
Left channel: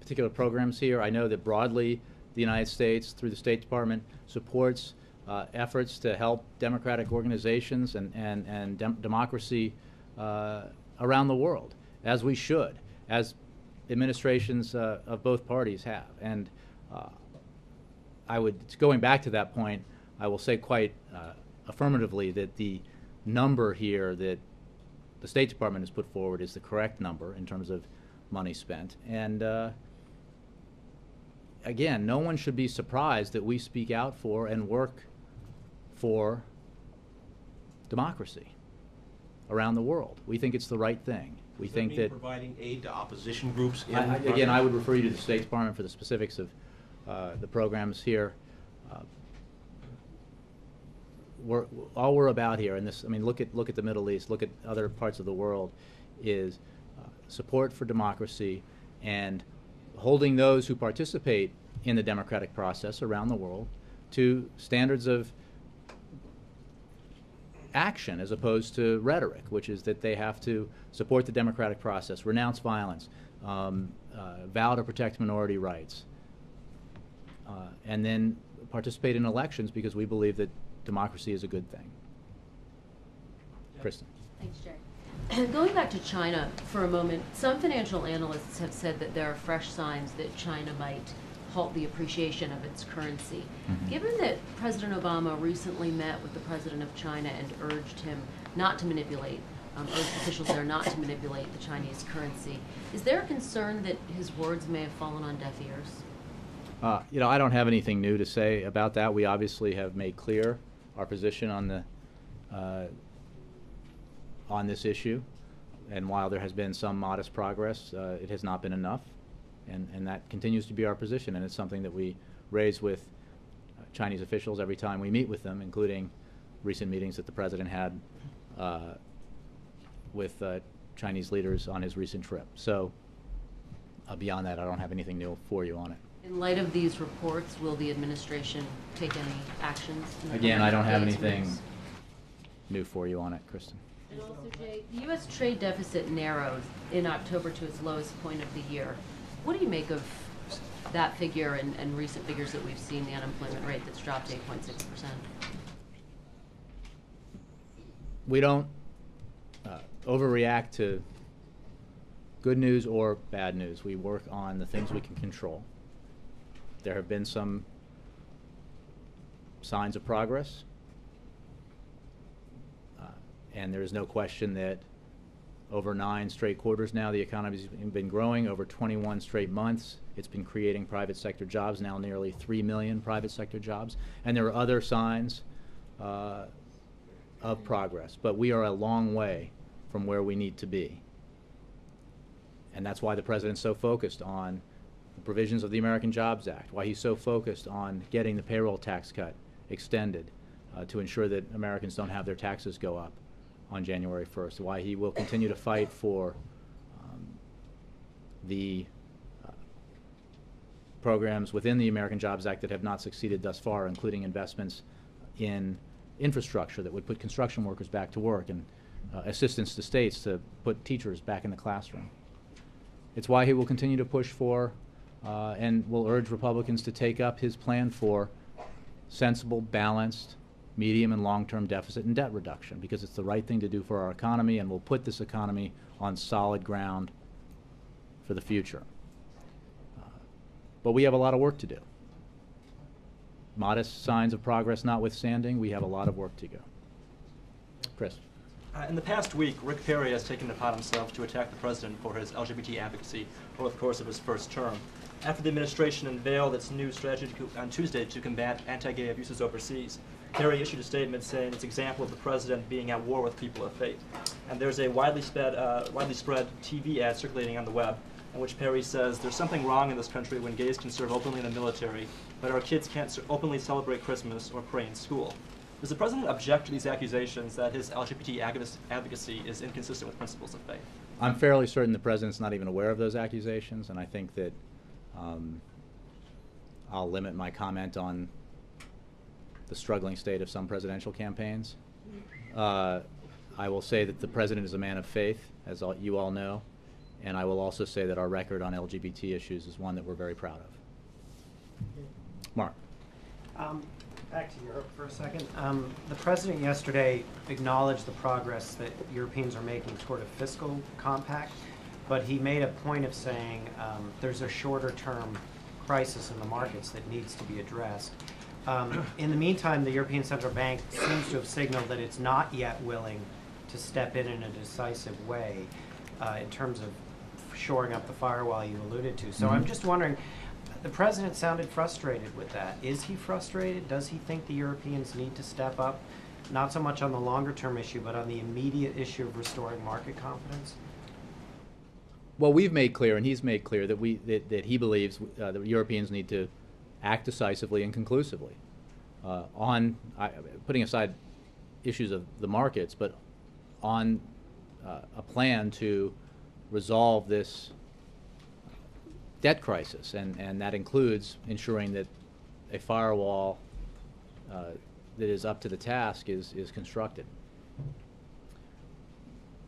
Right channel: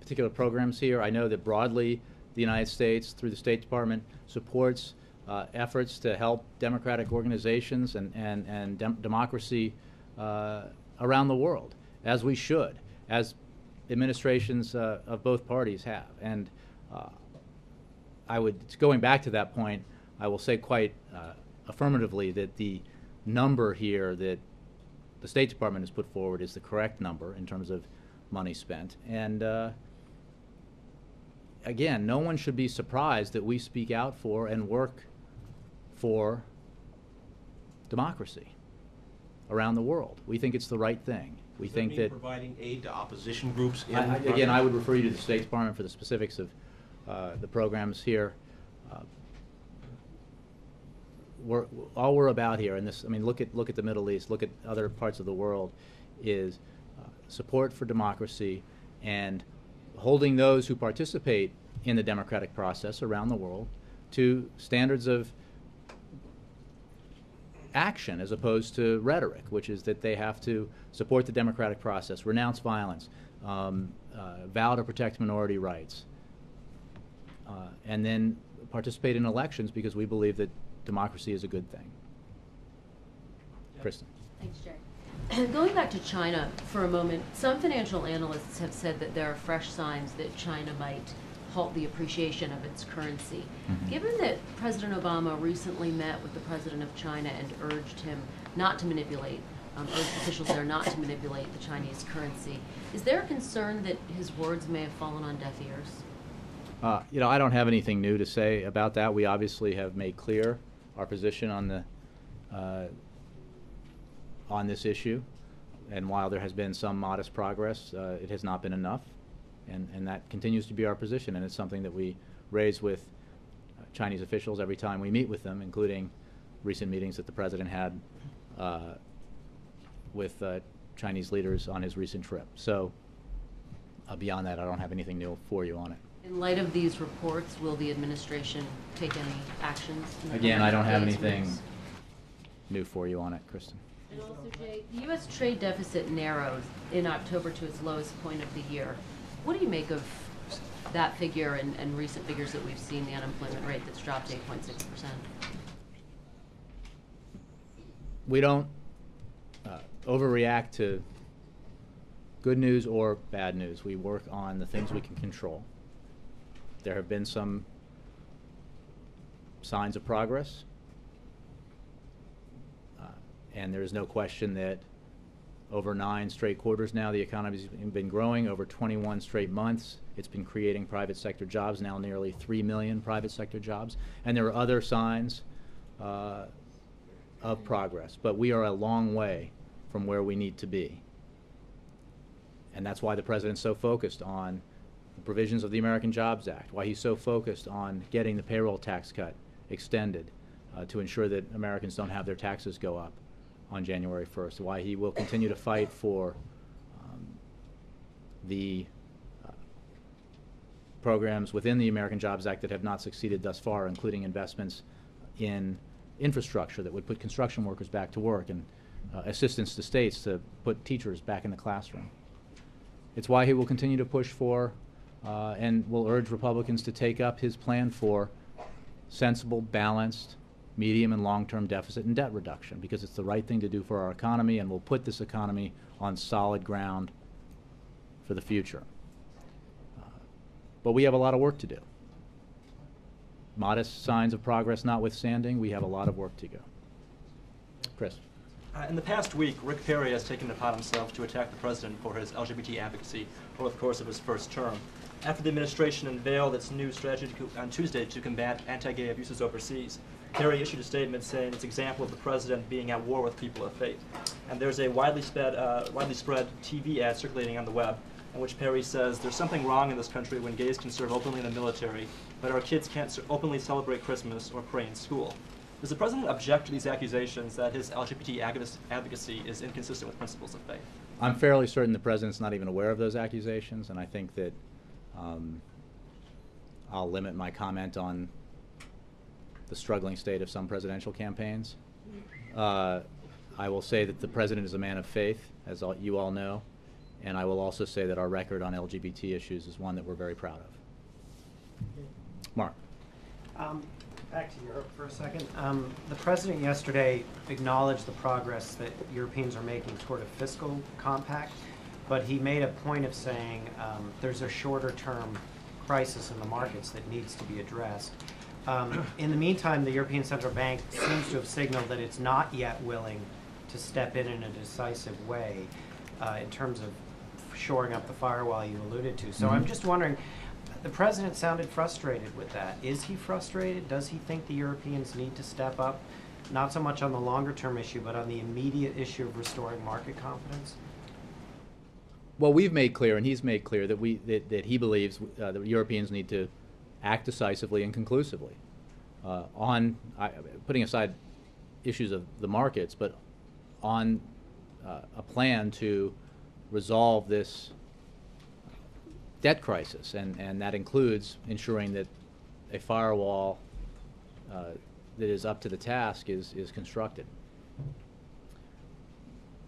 particular programs here. I know that broadly the United States, through the State Department, supports efforts to help democratic organizations and democracy around the world, as we should, as administrations of both parties have. And going back to that point, I will say quite affirmatively that the number here that the State Department has put forward is the correct number in terms of money spent. And again, no one should be surprised that we speak out for and work for democracy around the world. We think it's the right thing. We think that providing aid to opposition groups. Again, I would refer you to the State Department for the specifics of the programs here. All we're about here, and this, I mean, look at the Middle East, look at other parts of the world, is support for democracy and holding those who participate in the democratic process around the world to standards of action as opposed to rhetoric, which is that they have to support the democratic process, renounce violence, vow to protect minority rights, and then participate in elections because we believe that democracy is a good thing. Kristen. Thanks, Jay. Going back to China for a moment, some financial analysts have said that there are fresh signs that China might halt the appreciation of its currency. Given that President Obama recently met with the president of China and urged him not to manipulate, urged officials there not to manipulate the Chinese currency, is there a concern that his words may have fallen on deaf ears? You know, I don't have anything new to say about that. We obviously have made clear our position on the on this issue, and while there has been some modest progress, it has not been enough, and that continues to be our position, and it's something that we raise with Chinese officials every time we meet with them, including recent meetings that the president had with Chinese leaders on his recent trip. So beyond that, I don't have anything new for you on it. In light of these reports, will the administration take any actions? Again, I don't have anything new for you on it, Kristen. And also, Jay, the U.S. trade deficit narrowed in October to its lowest point of the year. What do you make of that figure and recent figures that we've seen, the unemployment rate that's dropped to 8.6%? We don't overreact to good news or bad news. We work on the things we can control. There have been some signs of progress, and there is no question that over 9 straight quarters now the economy's been growing. Over 21 straight months it's been creating private sector jobs, now nearly 3 million private sector jobs, and there are other signs of progress, but we are a long way from where we need to be. And that's why the president's so focused on the provisions of the American Jobs Act, why he's so focused on getting the payroll tax cut extended to ensure that Americans don't have their taxes go up on January 1st, why he will continue to fight for the programs within the American Jobs Act that have not succeeded thus far, including investments in infrastructure that would put construction workers back to work and assistance to states to put teachers back in the classroom. It's why he will continue to push for and will urge Republicans to take up his plan for sensible, balanced, medium and long-term deficit and debt reduction, because it's the right thing to do for our economy and will put this economy on solid ground for the future. But we have a lot of work to do. Modest signs of progress notwithstanding, we have a lot of work to go. Chris. In the past week, Rick Perry has taken it upon himself to attack the president for his LGBT advocacy over the course of his first term. After the administration unveiled its new strategy on Tuesday to combat anti-gay abuses overseas, Perry issued a statement saying it's an example of the president being at war with people of faith. And there's a widely spread TV ad circulating on the web in which Perry says there's something wrong in this country when gays can serve openly in the military, but our kids can't openly celebrate Christmas or pray in school. Does the president object to these accusations that his LGBT advocacy is inconsistent with principles of faith? I'm fairly certain the president's not even aware of those accusations, and I think that I'll limit my comment on the struggling state of some presidential campaigns. I will say that the president is a man of faith, as you all know, and I will also say that our record on LGBT issues is one that we're very proud of. Mark. Back to Europe for a second. The president yesterday acknowledged the progress that Europeans are making toward a fiscal compact, but he made a point of saying there's a shorter-term crisis in the markets that needs to be addressed. In the meantime, the European Central Bank seems to have signaled that it's not yet willing to step in a decisive way in terms of shoring up the firewall you alluded to. So I'm just wondering, the president sounded frustrated with that. Is he frustrated? Does he think the Europeans need to step up, not so much on the longer-term issue, but on the immediate issue of restoring market confidence? Well, we've made clear, and he's made clear, that that he believes that Europeans need to act decisively and conclusively on putting aside issues of the markets, but on a plan to resolve this debt crisis, and that includes ensuring that a firewall that is up to the task is constructed.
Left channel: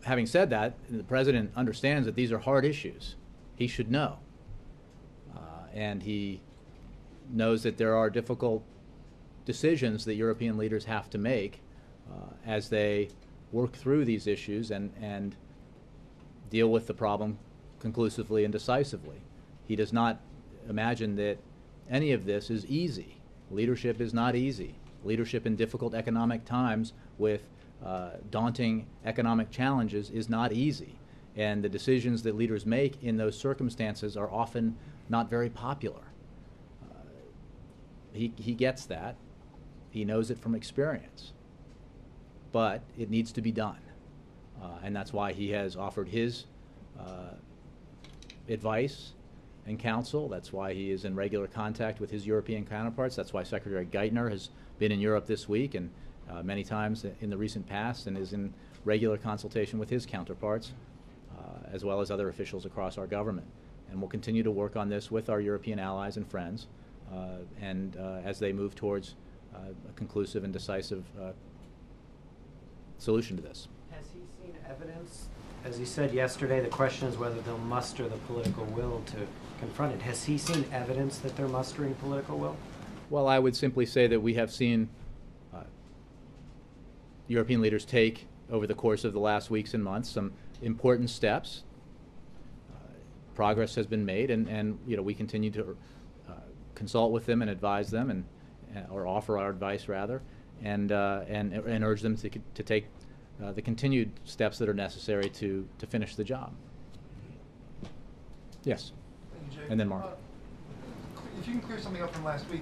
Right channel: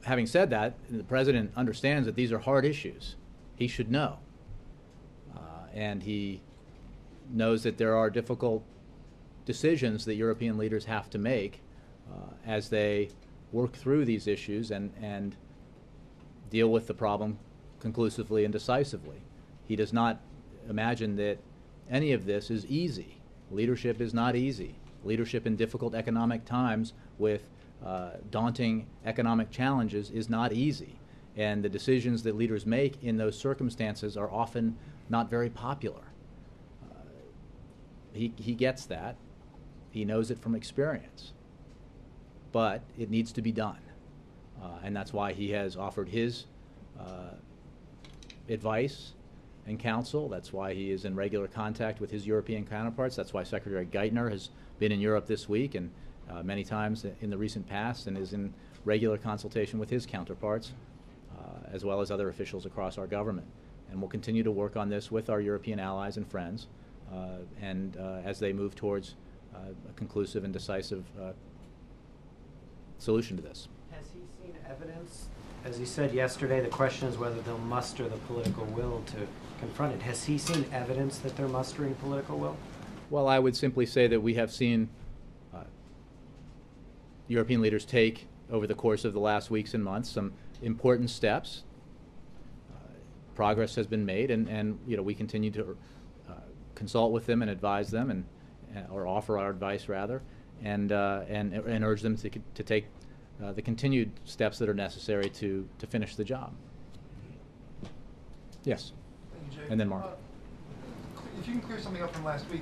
Having said that, the president understands that these are hard issues. He should know. And he knows that there are difficult decisions that European leaders have to make as they work through these issues and deal with the problem conclusively and decisively. He does not imagine that any of this is easy. Leadership is not easy. Leadership in difficult economic times with daunting economic challenges is not easy. And the decisions that leaders make in those circumstances are often not very popular. He gets that. He knows it from experience. But it needs to be done. And that's why he has offered his advice and counsel. That's why he is in regular contact with his European counterparts. That's why Secretary Geithner has been in Europe this week and many times in the recent past, and is in regular consultation with his counterparts, as well as other officials across our government. And we'll continue to work on this with our European allies and friends, as they move towards a conclusive and decisive solution to this. Has he seen evidence? As he said yesterday, the question is whether they'll muster the political will to confront it. Has he seen evidence that they're mustering political will? Well, I would simply say that we have seen European leaders take, over the course of the last weeks and months, some important steps. Progress has been made, and we continue to consult with them and advise them, or offer our advice rather, and urge them to take the continued steps that are necessary to finish the job. Yes, and then Mark. If you can clear something up from last week,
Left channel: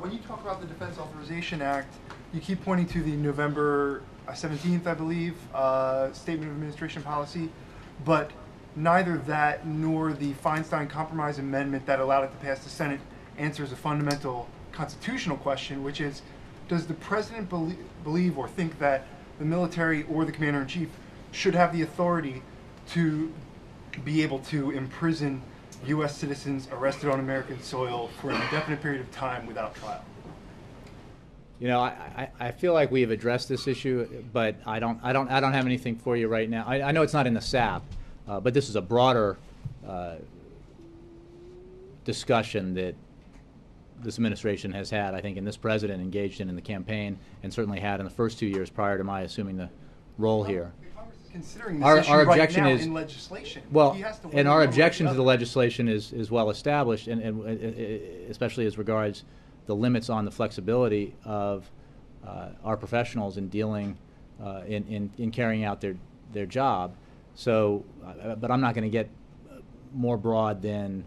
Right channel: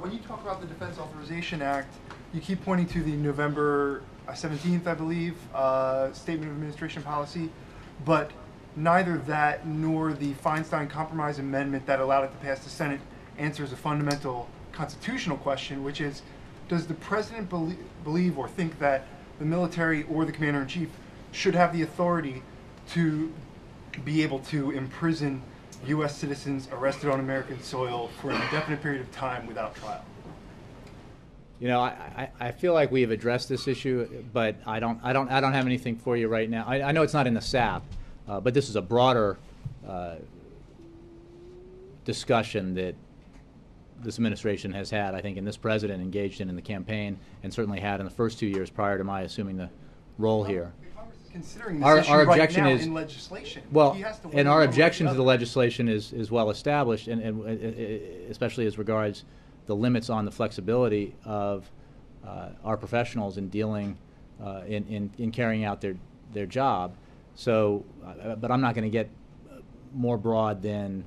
when you talk about the Defense Authorization Act, you keep pointing to the November 17th, I believe, Statement of Administration Policy, but neither that nor the Feinstein Compromise Amendment that allowed it to pass the Senate answers a fundamental constitutional question, which is, does the President believe or think that the military or the Commander-in-Chief should have the authority to be able to imprison U.S. citizens arrested on American soil for an indefinite period of time without trial? I feel like we have addressed this issue, but I don't have anything for you right now. I know it's not in the SAP, but this is a broader discussion that this administration has had, I think, and this president engaged in the campaign, and certainly had in the first 2 years prior to my assuming the role here. Considering this issue right now in legislation. Well, and our objection to the legislation is well established, and especially as regards the limits on the flexibility of our professionals in dealing in carrying out their job. So, but I'm not going to get more broad than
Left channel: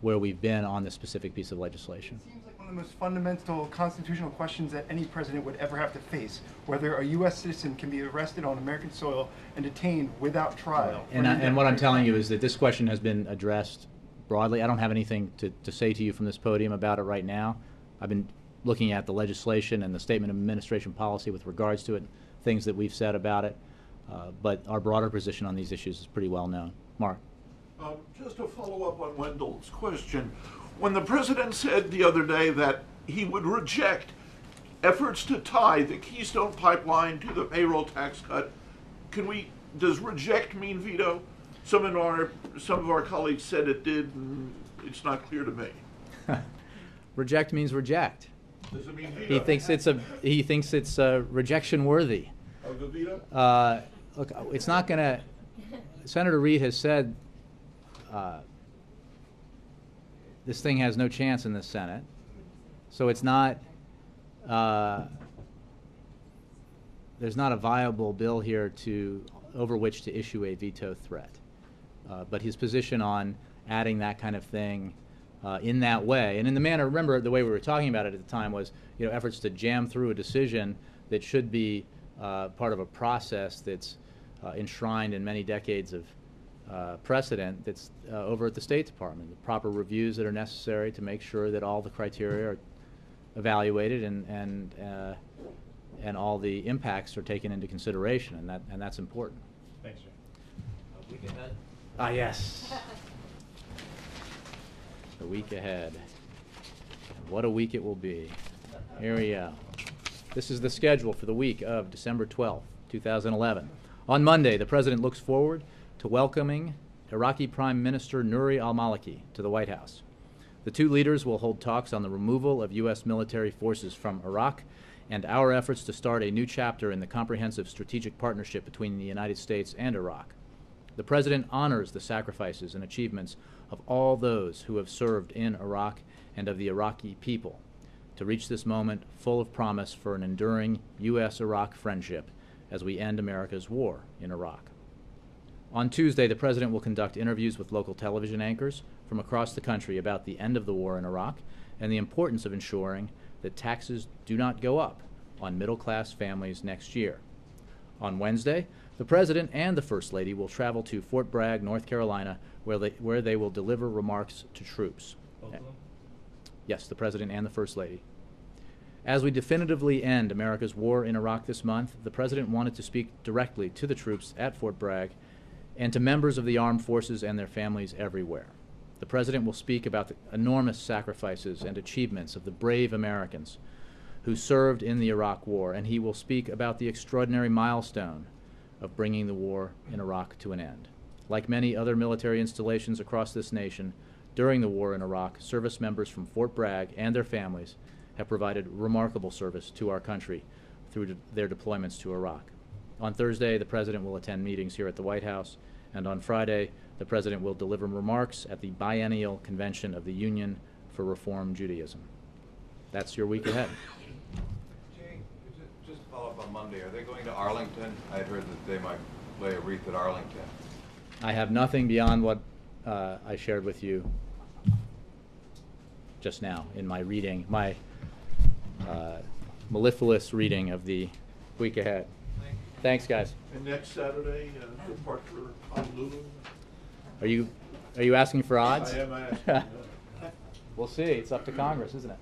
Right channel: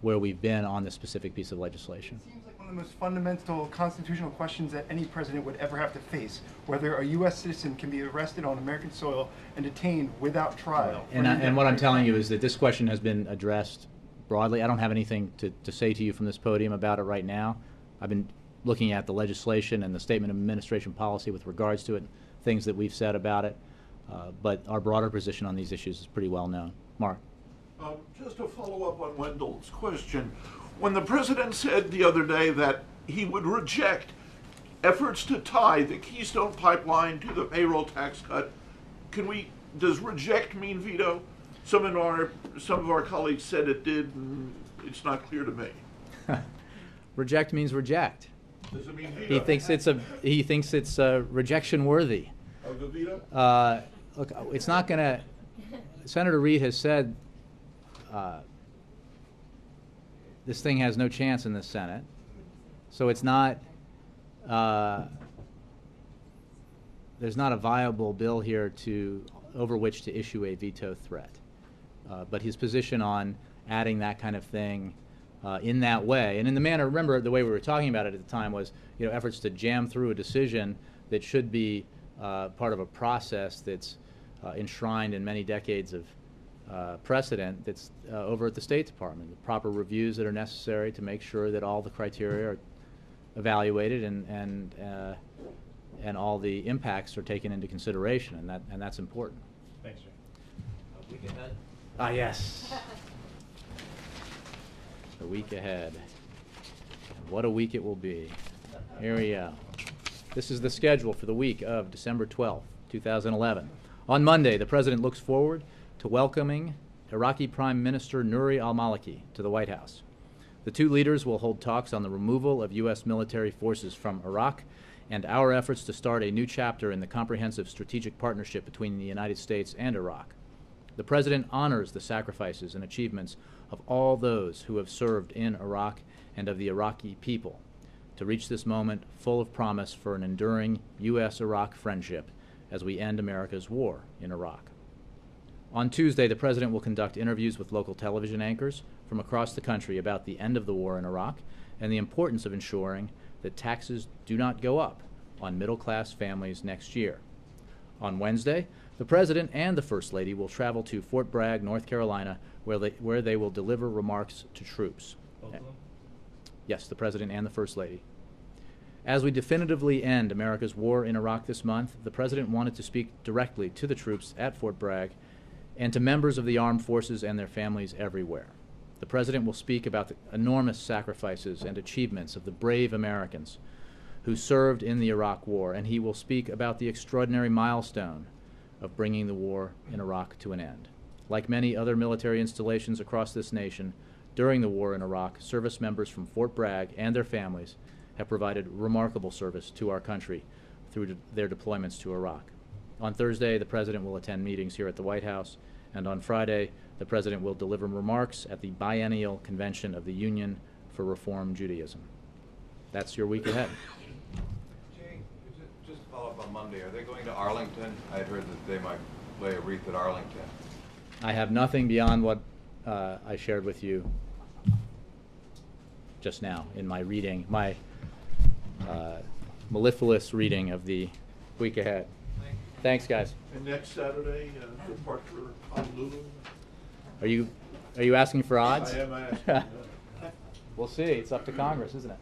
where we've been on this specific piece of legislation. It seems like one of the most fundamental constitutional questions that any president would ever have to face, whether a U.S. citizen can be arrested on American soil and detained without trial. And what I'm telling you is that this question has been addressed broadly. I don't have anything to say to you from this podium about it right now. I've been looking at the legislation and the Statement of Administration Policy with regards to it, things that we've said about it, but our broader position on these issues is pretty well known. Mark. Just to follow up on Wendell's question, when the president said the other day that he would reject efforts to tie the Keystone Pipeline to the payroll tax cut, does reject mean veto? Some of our colleagues said it did, and it's not clear to me. Reject means reject. Does it mean veto? He thinks it's rejection worthy. Of the veto? Look, it's not going to. Senator Reid has said this thing has no chance in the Senate, so it's not. There's not a viable bill here over which to issue a veto threat. But his position on adding that kind of thing in that way, and in the manner, remember the way we were talking about it at the time was, efforts to jam through a decision that should be part of a process that's enshrined in many decades of precedent that's over at the State Department, the proper reviews that are necessary to make sure that all the criteria are evaluated and all the impacts are taken into consideration, and that's important. Thanks, sir. A week ahead. Ah, yes. A week ahead. And what a week it will be. Here we go. This is the schedule for the week of December 12th, 2011. On Monday, the President looks forward to welcoming Iraqi Prime Minister Nouri al-Maliki to the White House. The two leaders will hold talks on the removal of U.S. military forces from Iraq and our efforts to start a new chapter in the comprehensive strategic partnership between the United States and Iraq. The President honors the sacrifices and achievements of all those who have served in Iraq and of the Iraqi people to reach this moment full of promise for an enduring U.S.-Iraq friendship as we end America's war in Iraq. On Tuesday, the President will conduct interviews with local television anchors from across the country about the end of the war in Iraq and the importance of ensuring that taxes do not go up on middle-class families next year. On Wednesday, the President and the First Lady will travel to Fort Bragg, North Carolina, where they will deliver remarks to troops. Yes, the President and the First Lady. As we definitively end America's war in Iraq this month, the President wanted to speak directly to the troops at Fort Bragg and to members of the armed forces and their families everywhere. The President will speak about the enormous sacrifices and achievements of the brave Americans who served in the Iraq War, and he will speak about the extraordinary milestone of bringing the war in Iraq to an end. Like many other military installations across this nation, during the war in Iraq, service members from Fort Bragg and their families have provided remarkable service to our country through their deployments to Iraq. On Thursday, the President will attend meetings here at the White House, and on Friday, the President will deliver remarks at the biennial convention of the Union for Reform Judaism. That's your week ahead. Jay, just to follow up on Monday, are they going to Arlington? I had heard that they might lay a wreath at Arlington. I have nothing beyond what I shared with you just now in my reading, my mellifluous reading of the week ahead. Thanks, guys. And next Saturday, departure Honolulu. Are you asking for odds? I am asking. We'll see. It's up to Congress, isn't it?